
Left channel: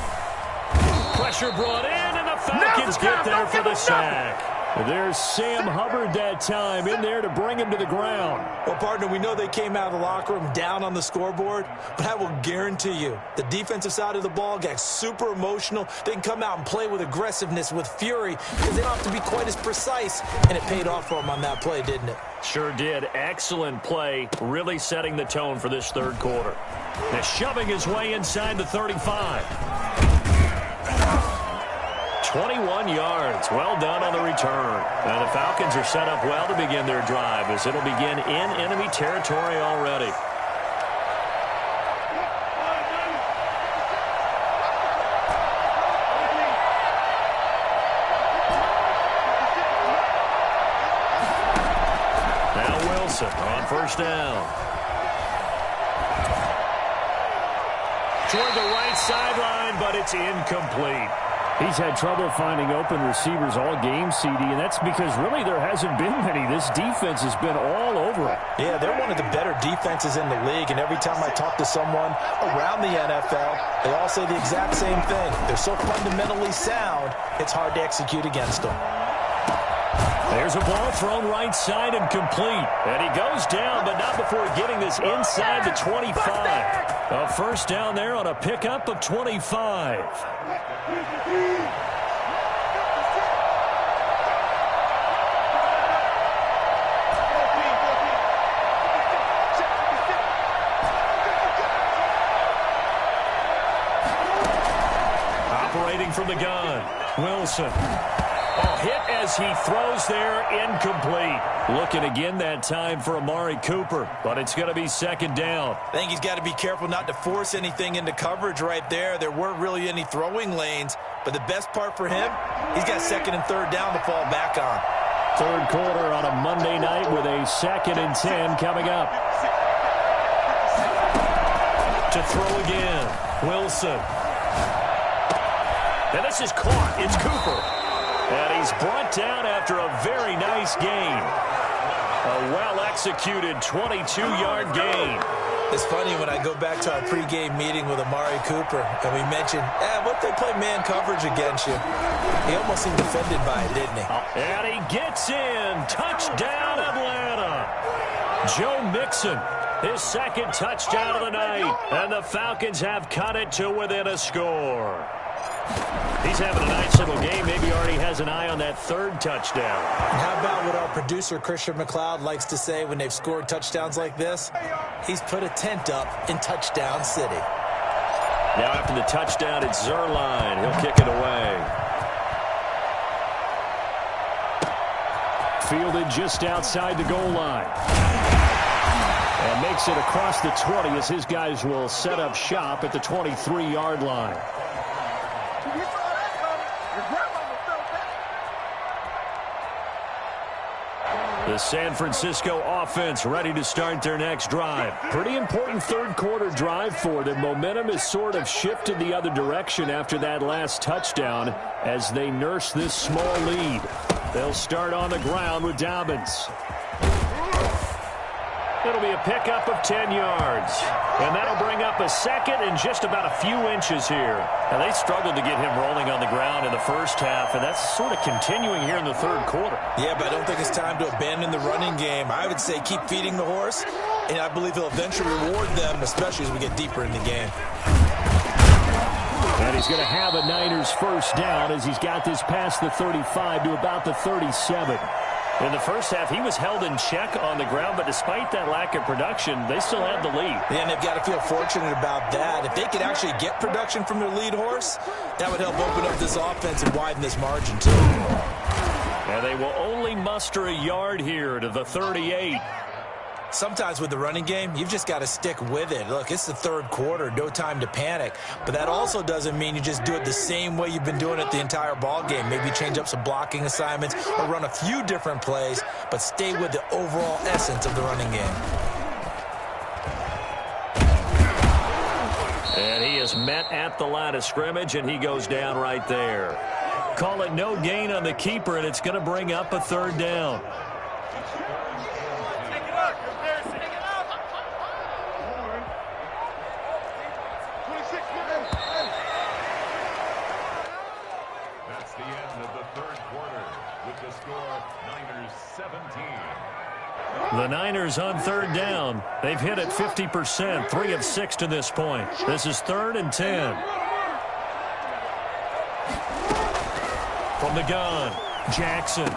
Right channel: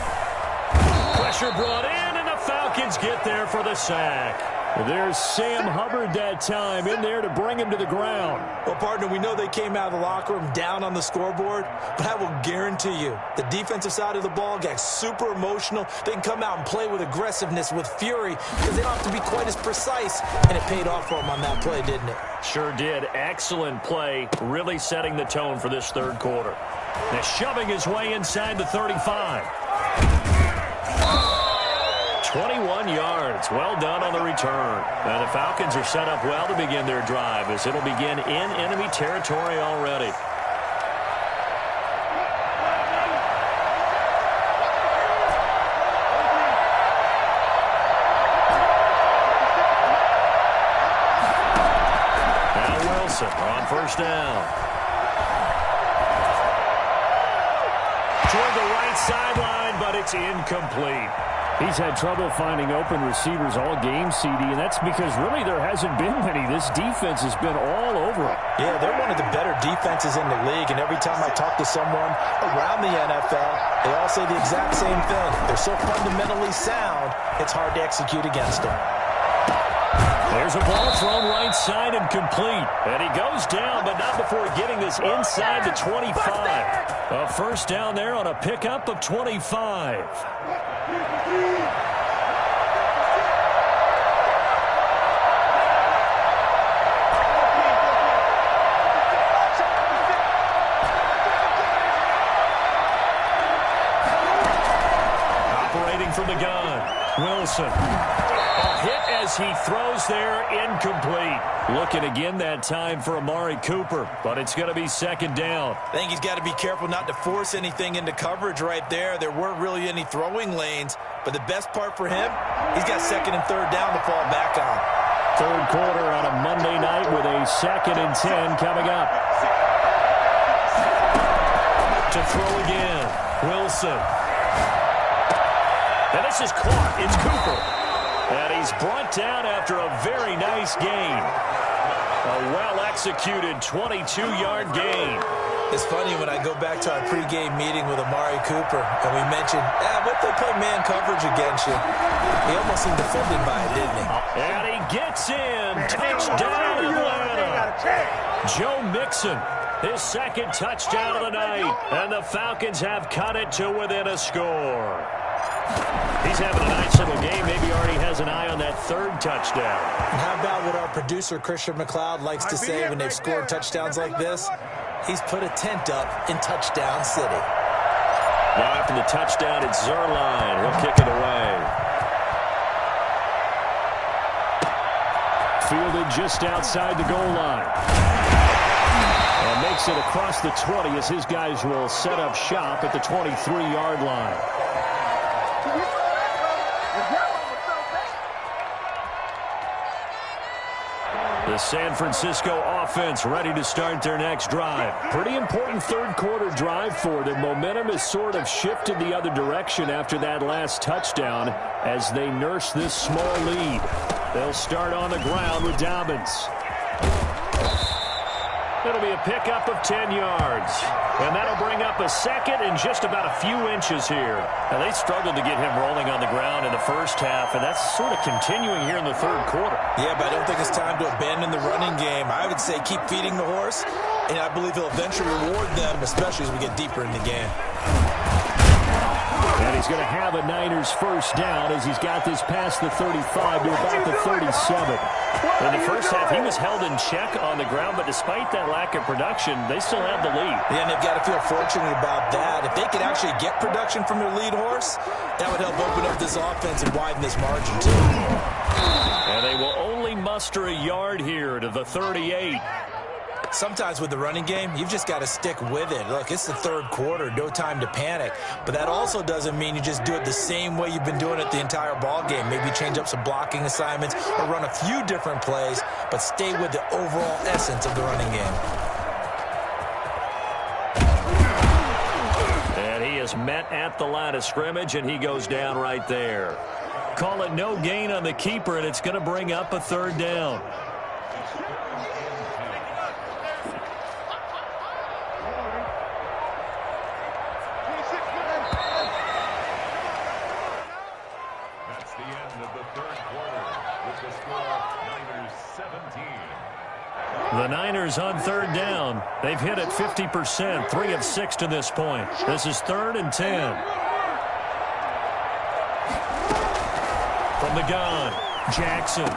Pressure brought in, and the Falcons get there for the sack. There's Sam Hubbard that time in there to bring him to the ground. Well, partner, we know they came out of the locker room down on the scoreboard, but I will guarantee you the defensive side of the ball got super emotional. They can come out and play with aggressiveness, with fury, because they don't have to be quite as precise, and it paid off for them on that play, didn't it? Sure did. Excellent play, really setting the tone for this 3rd quarter. Now shoving his way inside the 35. 21 yards. Well done on the return. And the Falcons are set up well to begin their drive as it'll begin in enemy territory already. Now Wilson on 1st down. Toward the right sideline, but it's incomplete. He's had trouble finding open receivers all game, CD, and that's because really there hasn't been many. This defense has been all over him. Yeah, they're one of the better defenses in the league, and every time I talk to someone around the NFL, they all say the exact same thing. They're so fundamentally sound, it's hard to execute against them. There's a ball thrown right side and complete. And he goes down, but not before getting this inside the 25. A 1st down there on a pickup of 25. Operating from the gun, Wilson. Oh, hit as he throws there, incomplete. Looking again that time for Amari Cooper, but it's going to be 2nd down. I think he's got to be careful not to force anything into coverage right there. There weren't really any throwing lanes, but the best part for him, he's got 2nd and 3rd down to fall back on. 3rd quarter on a Monday night with a 2nd and 10 coming up. To throw again, Wilson. And this is caught. It's Cooper. And he's brought down after a very nice gain. A well-executed 22-yard gain. It's funny when I go back to our pregame meeting with Amari Cooper, and we mentioned, what they play man coverage against you. He almost seemed offended by it, didn't he? And he gets in. Touchdown, Atlanta. Joe Mixon, his 2nd touchdown of the night. And the Falcons have cut it to within a score. He's having a nice little game. Maybe already has an eye on that 3rd touchdown. And how about what our producer, Christian McLeod, likes to say when they've scored touchdowns like this? He's put a tent up in Touchdown City. Now after the touchdown, it's Zerline. He'll kick it away. Fielded just outside the goal line. And makes it across the 20 as his guys will set up shop at the 23-yard line. The San Francisco offense ready to start their next drive. Pretty important third quarter drive for them. Momentum has sort of shifted the other direction after that last touchdown as they nurse this small lead. They'll start on the ground with Dobbins. It'll be a pickup of 10 yards. And that'll bring up a second and just about a few inches here. Now, they struggled to get him rolling on the ground in the first half, and that's sort of continuing here in the third quarter. Yeah, but I don't think it's time to abandon the running game. I would say keep feeding the horse, and I believe he'll eventually reward them, especially as we get deeper in the game. And he's going to have a Niners first down as he's got this past the 35 to about the 37. In the first half, he was held in check on the ground, but despite that lack of production, they still have the lead. Yeah, and they've got to feel fortunate about that. If they could actually get production from their lead horse, that would help open up this offense and widen this margin, too. And they will only muster a yard here to the 38. Sometimes with the running game, you've just got to stick with it. Look, it's the third quarter, no time to panic. But that also doesn't mean you just do it the same way you've been doing it the entire ball game. Maybe change up some blocking assignments or run a few different plays, but stay with the overall essence of the running game. And he is met at the line of scrimmage, and he goes down right there. Call it no gain on the keeper, and it's going to bring up a third down. The Niners on third down. They've hit it 50%, 3 of 6 to this point. This is 3rd and 10. From the gun, Jackson.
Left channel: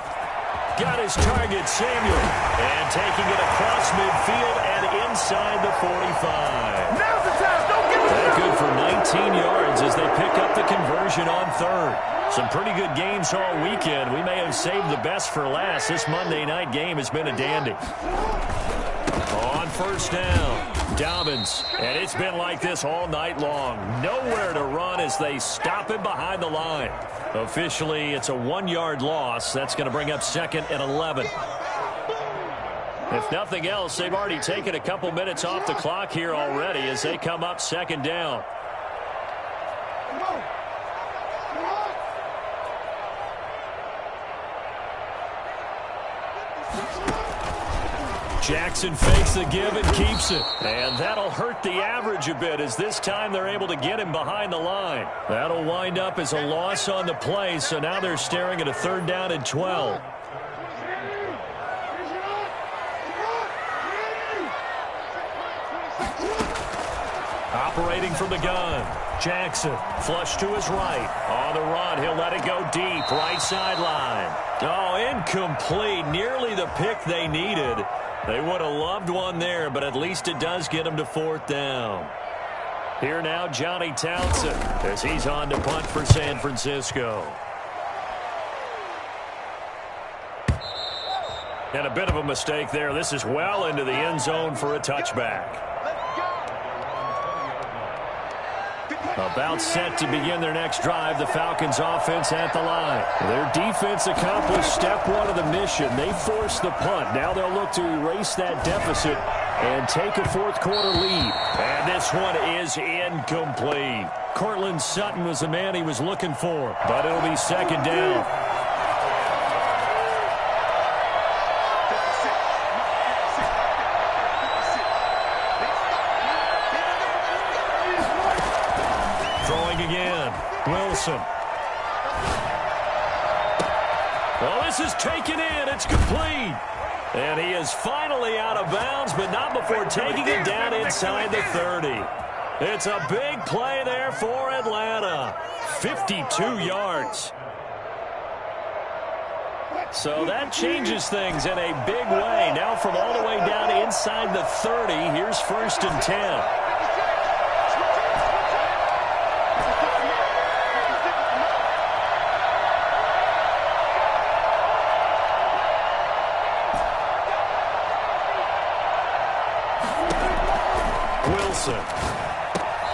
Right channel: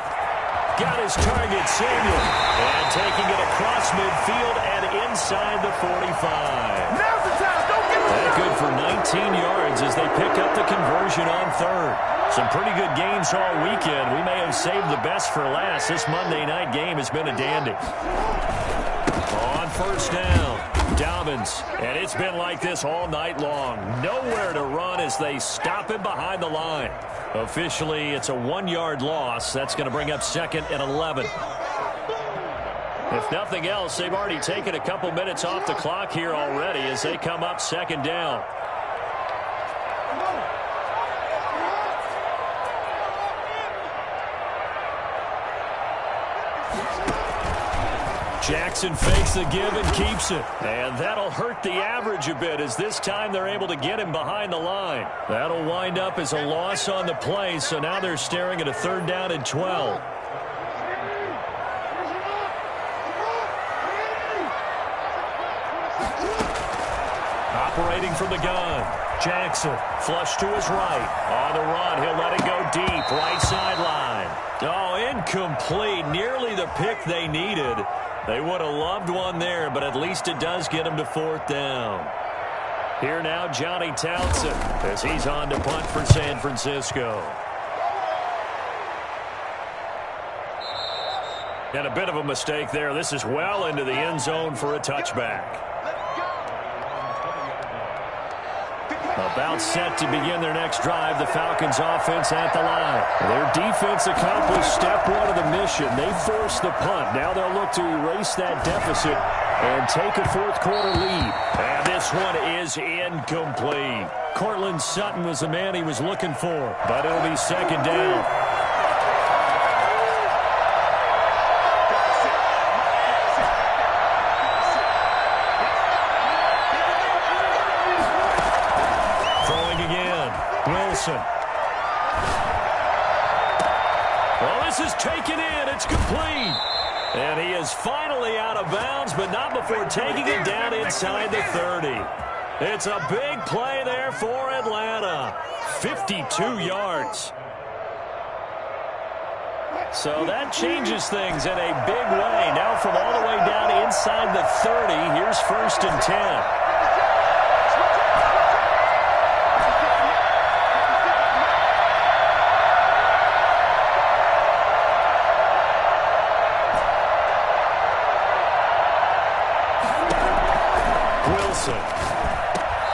Got his target, Samuel. And taking it across midfield and inside the 45. Now's the time. Don't give That good for 19 yards as they pick up the conversion on third. Some pretty good games all weekend. We may have saved the best for last. This Monday night game has been a dandy. On first down, Dobbins. And it's been like this all night long. Nowhere to run as they stop him behind the line. Officially, it's a 1-yard loss. That's going to bring up 2nd and 11. If nothing else, they've already taken a couple minutes off the clock here already as they come up 2nd down. Jackson fakes the give and keeps it. And that'll hurt the average a bit as this time they're able to get him behind the line. That'll wind up as a loss on the play, so now they're staring at a 3rd down and 12. Operating from the gun, Jackson, flush to his right. On the run, he'll let it go deep, right sideline. Oh, incomplete, nearly the pick they needed. They would have loved one there, but at least it does get them to 4th down. Here now, Johnny Townsend, as he's on to punt for San Francisco. And a bit of a mistake there. This is well into the end zone for a touchback. About set to begin their next drive, the Falcons offense at the line. Their defense accomplished step 1 of the mission. They forced the punt. Now they'll look to erase that deficit and take a 4th quarter lead. And this one is incomplete. Cortland Sutton was the man he was looking for, but it'll be 2nd down. Wilson. Well, this is taken in. It's complete. And he is finally out of bounds, but not before taking it down inside the 30. It's a big play there for Atlanta. 52 yards. So that changes things in a big way. Now from all the way down inside the 30, here's 1st and 10.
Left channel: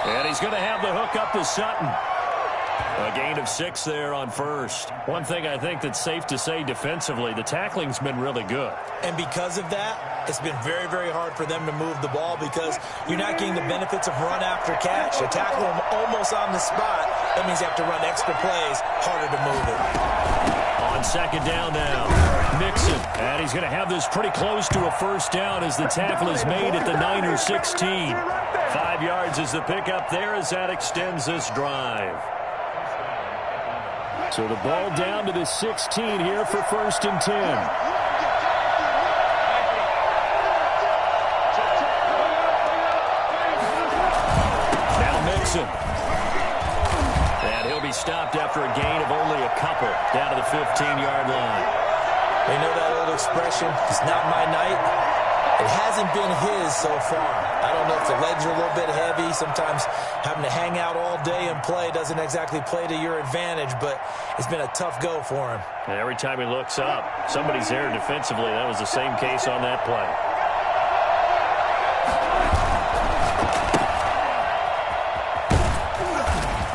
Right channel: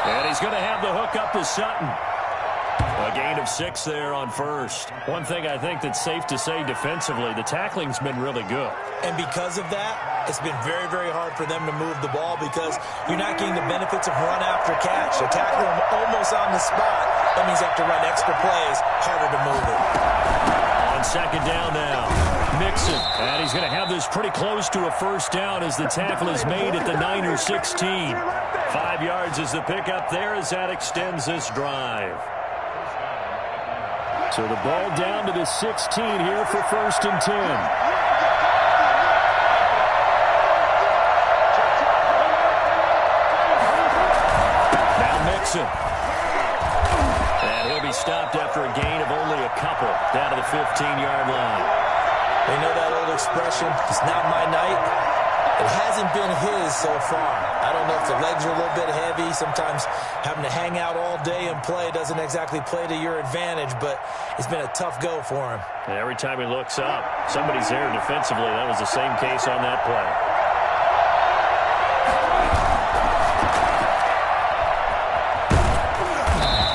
And he's going to have the hook up to Sutton. A gain of 6 there on first. One thing I think that's safe to say defensively, the tackling's been really good. And because of that, it's been very, very hard for them to move the ball because you're not getting the benefits of run after catch. You tackle them almost on the spot. That means you have to run extra plays, harder to move it. On second down now, Mixon. And he's going to have this pretty close to a first down as the tackle is made at the Niners 16. 5 yards is the pickup there as that extends this drive. So the ball down to the 16 here for 1st and 10. Now Mixon. And he'll be stopped after a gain of only a couple down to the 15-yard line. You know that old expression, it's not my night? It hasn't been his so far. I don't know if the legs are a little bit heavy. Sometimes having to hang out all day and play doesn't exactly play to your advantage, but it's been a tough go for him. And every time he looks up, somebody's there defensively. That was the same case on that play.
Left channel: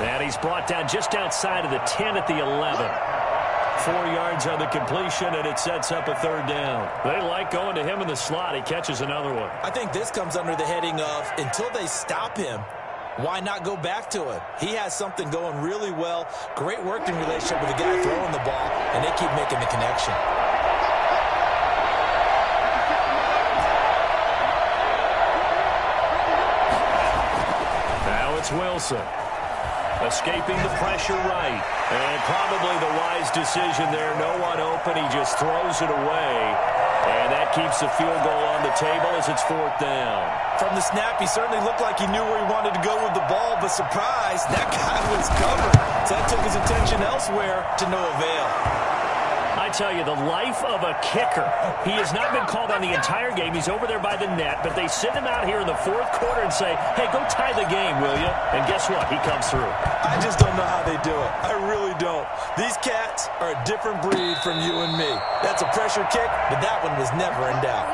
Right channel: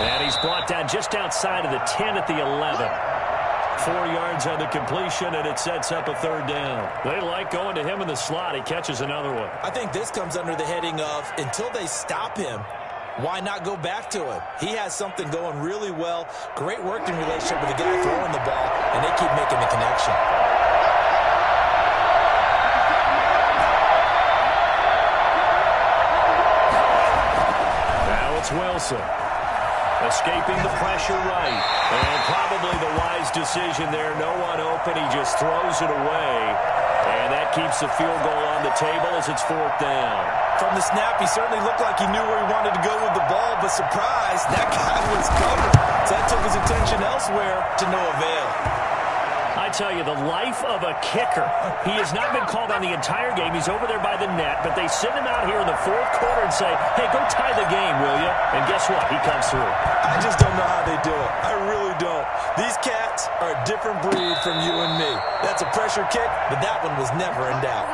And he's brought down just outside of the 10 at the 11. 4 yards on the completion, and it sets up a 3rd down. They like going to him in the slot. He catches another one. I think this comes under the heading of, until they stop him, why not go back to him? He has something going really well. Great working relationship with the guy throwing the ball, and they keep making the connection. Now it's Wilson. Escaping the pressure right. And probably the wise decision there. No one open. He just throws it away. And that keeps the field goal on the table as it's 4th down. From the snap, he certainly looked like he knew where he wanted to go with the ball, but surprise, that guy was covered. So that took his attention elsewhere to no avail. I tell you, the life of a kicker. He has not been called on the entire game. He's over there by the net, but they send him out here in the 4th quarter and say, hey, go tie the game, will you? And guess what? He comes through. I just don't know how they do it. I really don't. These cats are a different breed from you and me. That's a pressure kick, but that one was never in doubt.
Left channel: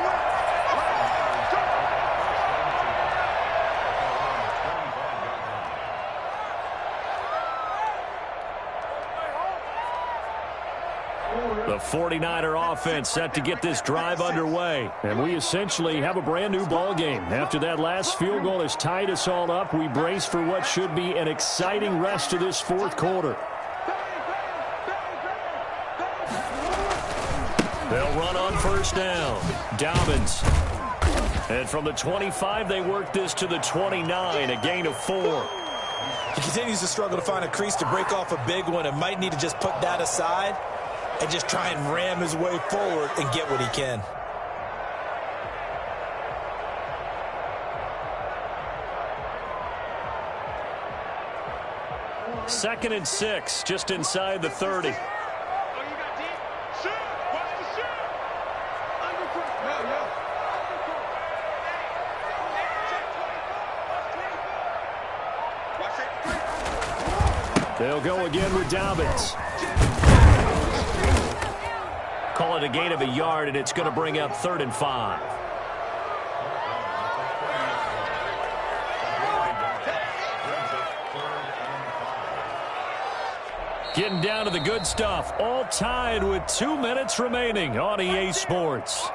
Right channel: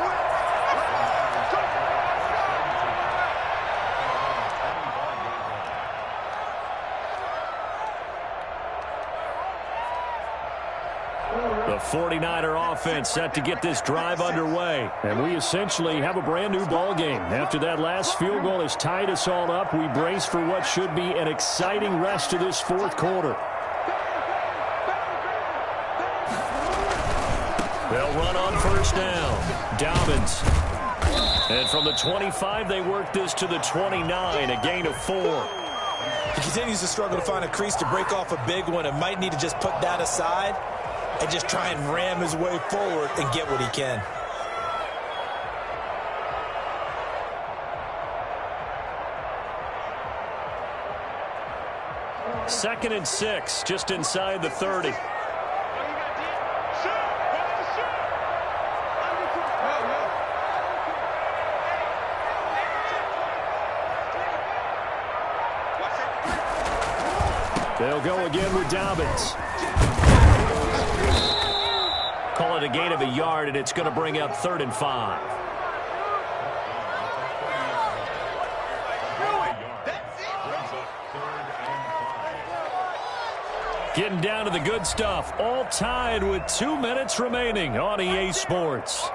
The 49er offense set to get this drive underway. And we essentially have a brand new ball game. After that last field goal has tied us all up, we brace for what should be an exciting rest of this 4th quarter. They'll run on 1st down. Dobbins. And from the 25, they work this to the 29, a gain of 4. He continues to struggle to find a crease to break off a big one and might need to just put that aside and just try and ram his way forward and get what he can. Second and 6, just inside the 30. They'll go again with Dobbins. Call it a gain of a yard, and it's going to bring up 3rd and 5. Getting down to the good stuff. All tied with 2 minutes remaining on EA Sports.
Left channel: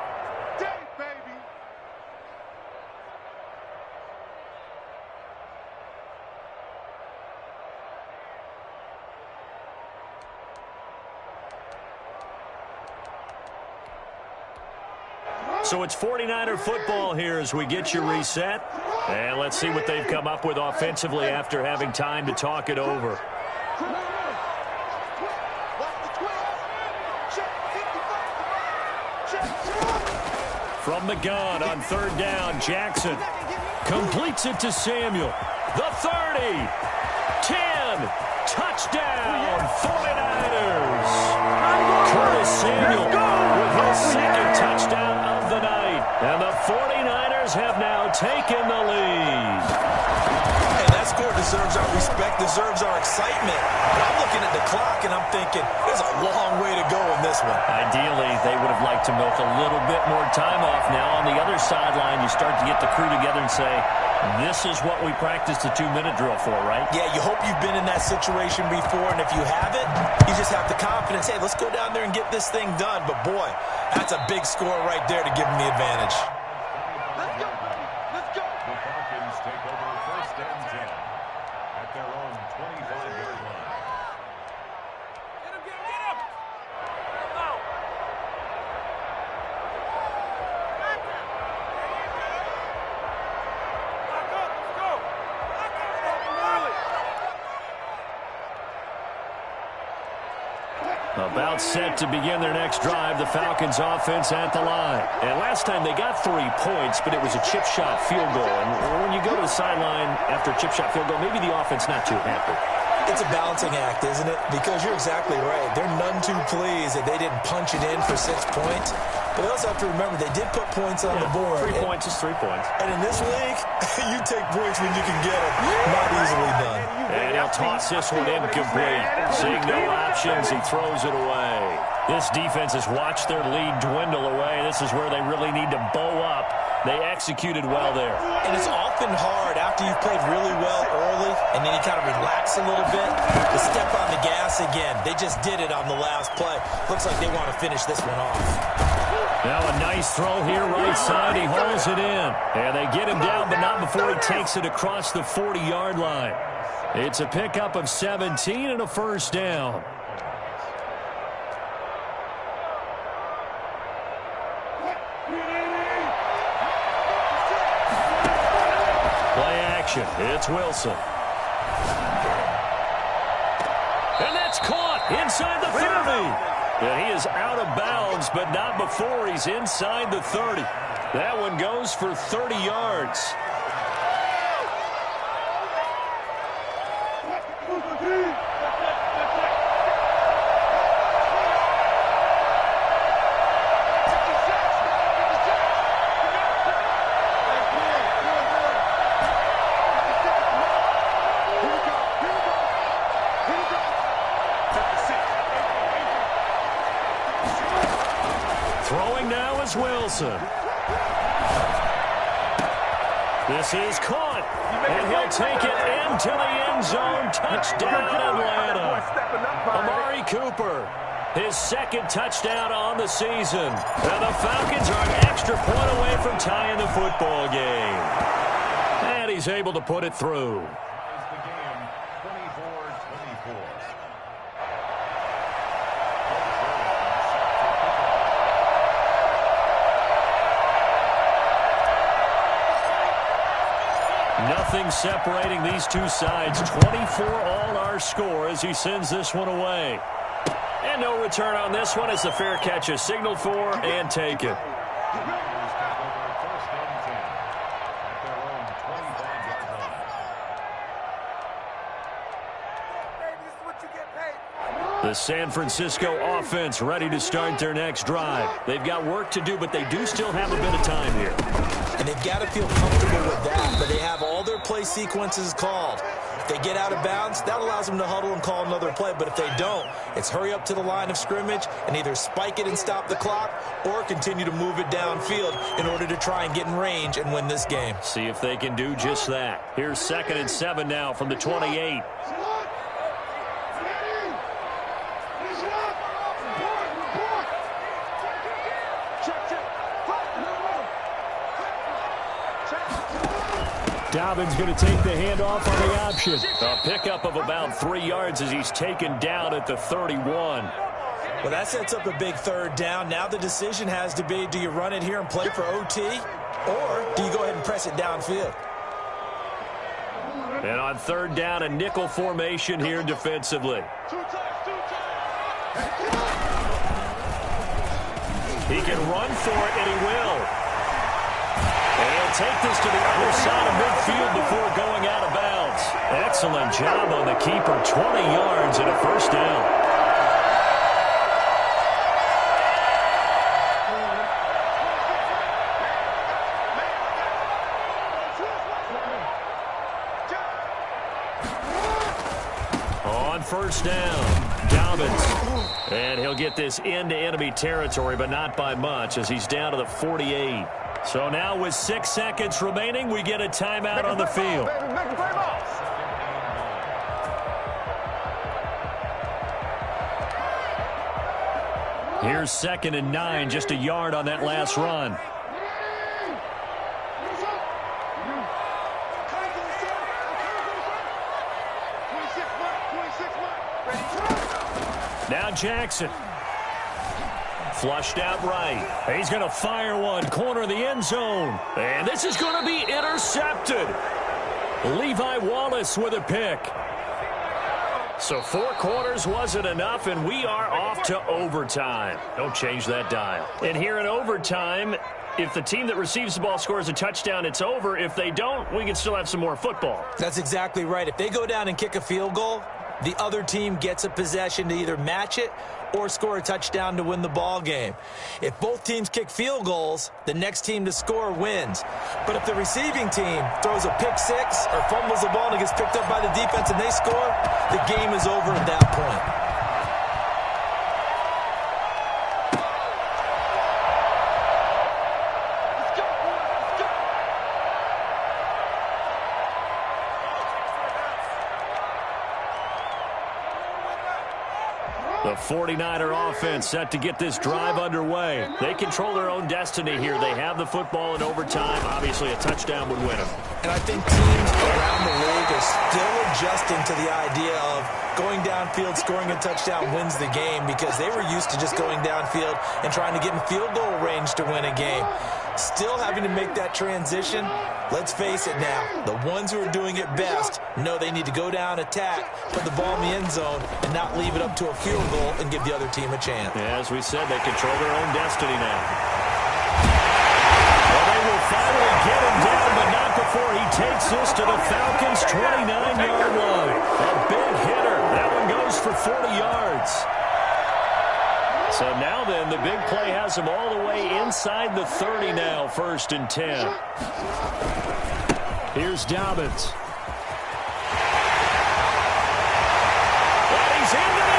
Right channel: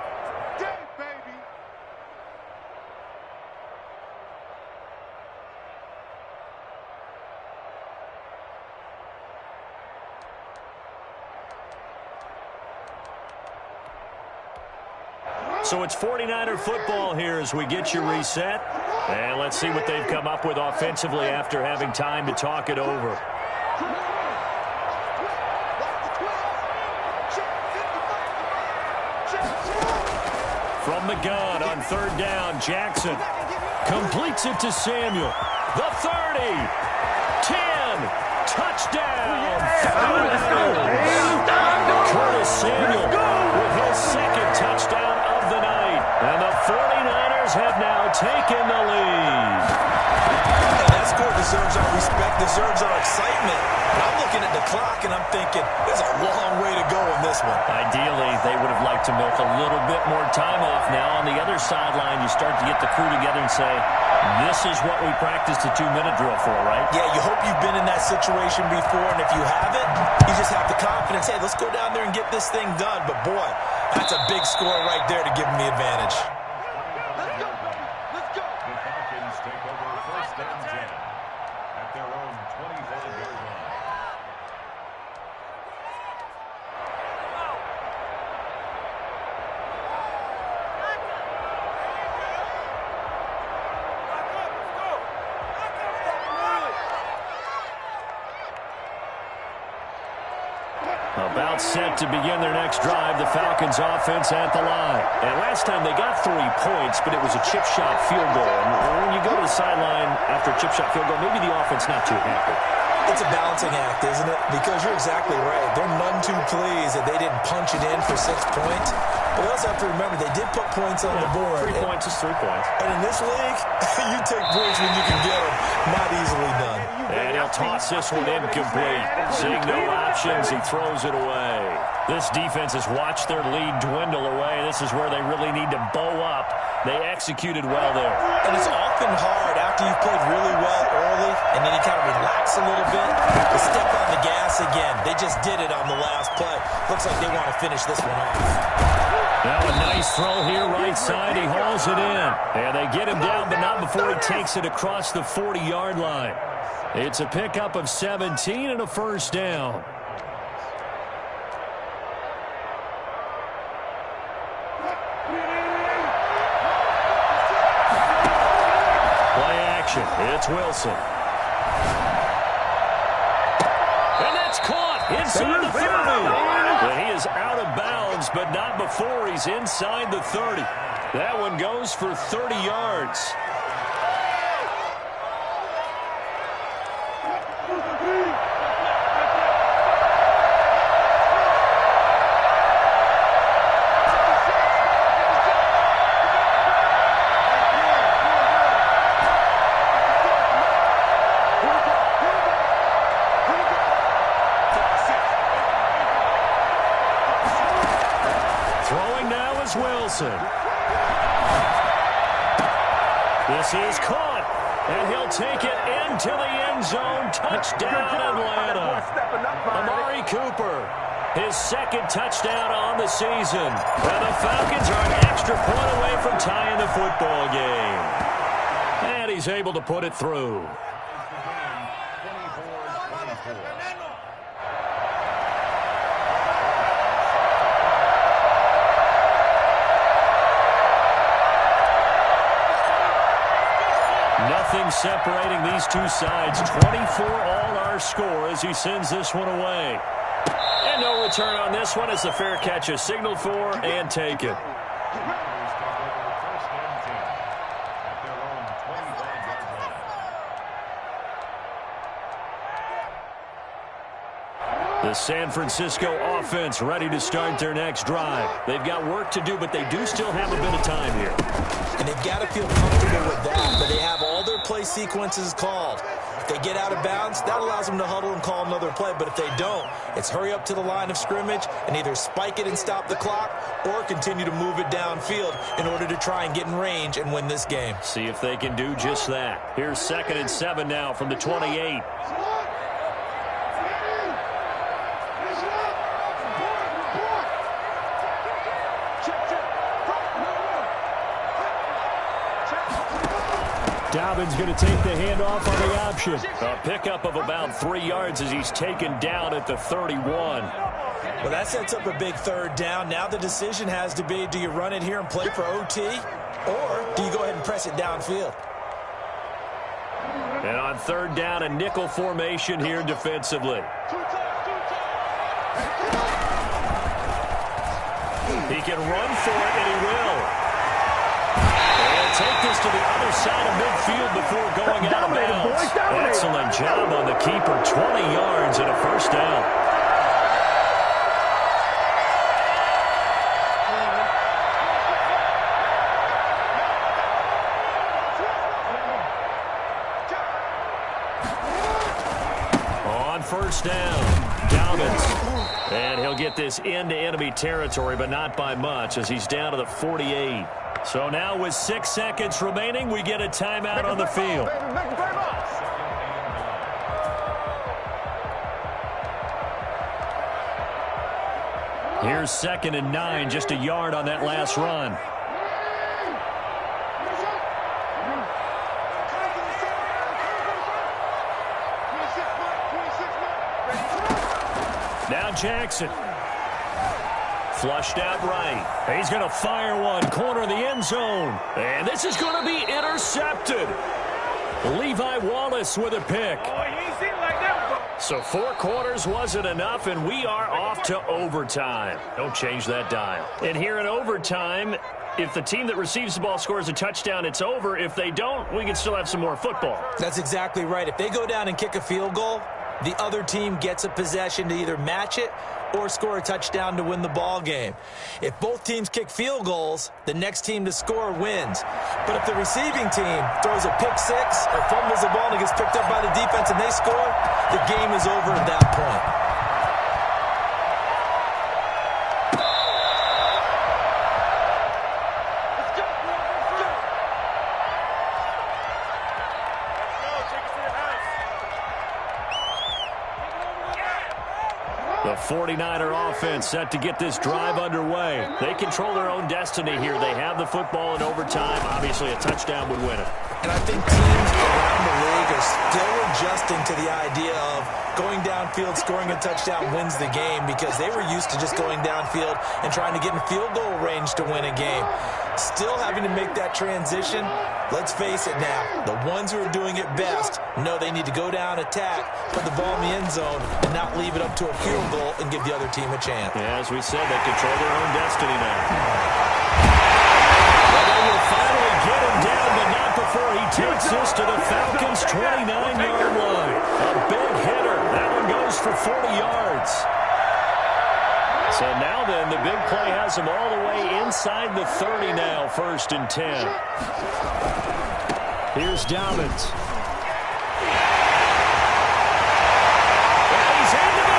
So it's 49er football here as we get you reset. And let's see what they've come up with offensively after having time to talk it over. From the gun on 3rd down, Jackson completes it to Samuel. The 30, 10, touchdown, 49ers. Curtis Samuel with his 2nd touchdown of the night. And the 49ers have now taken the lead. Hey, that score deserves our respect, deserves our excitement. But I'm looking at the clock and I'm thinking, there's a long way to go in this one. Ideally, they would have liked to milk a little bit more time off. Now on the other sideline, you start to get the crew together and say, This is what we practiced the 2-minute drill for, right? Yeah, you hope you've been in that situation before, and if you haven't, you just have the confidence, hey, let's go down there and get this thing done. But, boy, that's a big score right there to give them the advantage. Let's go, buddy. Let's go. The Falcons take over first and 10 at their own 25-yard line. About set to begin their next drive, the Falcons offense at the line. And last time they got 3 points, but it was a chip shot field goal. And when you go to the sideline after a chip shot field goal, maybe the offense not too happy. It's a balancing act, isn't it? Because you're exactly right. They're none too pleased that they didn't punch it in for 6 points. But you also have to remember, they did put points on the board. 3 points is 3 points. And in this league, you take points when you can get them. Not easily done. And he'll toss this one incomplete. Seeing no options, he throws it away. This defense has watched their lead dwindle away. This is where they really need to bow up. They executed well there. And it's often hard after you've played really well early and then you kind of relax a little bit to step on the gas again. They just did it on the last play. Looks like they want to finish this one off. Now a nice throw here right side. He hauls it in. And they get him down, but not before he takes it across the 40-yard line. It's a pickup of 17 and a first down. Play action. It's Wilson. And that's caught inside the 30. And he is out of bounds, but not before he's inside the 30. That one goes for 30 yards. Throwing now is Wilson. This is caught, and he'll take it into the end zone. Touchdown, Atlanta. Amari Cooper, his second touchdown on the season. And the Falcons are an extra point away from tying the football game. And he's able to put it through. Nothing separating these two sides. 24 all our score as he sends this one away. And no return on this one as the fair catch is signaled for and taken. The San Francisco offense ready to start their next drive. They've got work to do, but they do still have a bit of time here. And they've got to feel comfortable with that, but they have all their play sequences called. If they get out of bounds, that allows them to huddle and call another play. But if they don't, it's hurry up to the line of scrimmage and either spike it and stop the clock or continue to move it downfield in order to try and get in range and win this game. See if they can do just that. Here's 2nd and 7 now from the 28. Dobbins going to take the handoff on the option. A pickup of about 3 yards as he's taken down at the 31. Well, that sets up a big 3rd down. Now the decision has to be, do you run it here and play for OT, or do you go ahead and press it downfield? And on 3rd down, a nickel formation here defensively. He can run for it, and he will. And he'll take this to the other side of midfield before going out of bounds. Excellent job on the keeper. 20 yards and a first down. On 1st down, Dobbins. And he'll get this into enemy territory, but not by much as he's down to the 48. So now with 6 seconds remaining, we get a timeout on the field. Here's 2nd and 9, just a yard on that last run. Now Jackson. Flushed out right. He's going to fire one, corner of the end zone. And this is going to be intercepted. Levi Wallace with a pick. So 4 quarters wasn't enough, and we are off to overtime. Don't change that dial. And here in overtime, if the team that receives the ball scores a touchdown, it's over. If they don't, we can still have some more football. That's exactly right. If they go down and kick a field goal, the other team gets a possession to either match it or score a touchdown to win the ball game. If both teams kick field goals, the next team to score wins. But if the receiving team throws a pick 6 or fumbles the ball and it gets picked up by the defense and they score, the game is over at that point. The 49er offense set to get this drive underway. They control their own destiny here. They have the football in overtime. Obviously, a touchdown would win it. And I think teams around the league are still adjusting to the idea of going downfield, scoring a touchdown wins the game, because they were used to just going downfield and trying to get in field goal range to win a game. Still having to make that transition. Let's face it now, the ones who are doing it best know they need to go down, attack, put the ball in the end zone, and not leave it up to a field goal and give the other team a chance. Yeah, as we said, they control their own destiny now. Well, they will finally get him down, but not before he takes this to the Falcons' 29-yard line. A big hitter. That one goes for 40 yards. So now then, the big play has him all the way inside the 30 now, 1st and 10. Here's Dobbins. And he's into the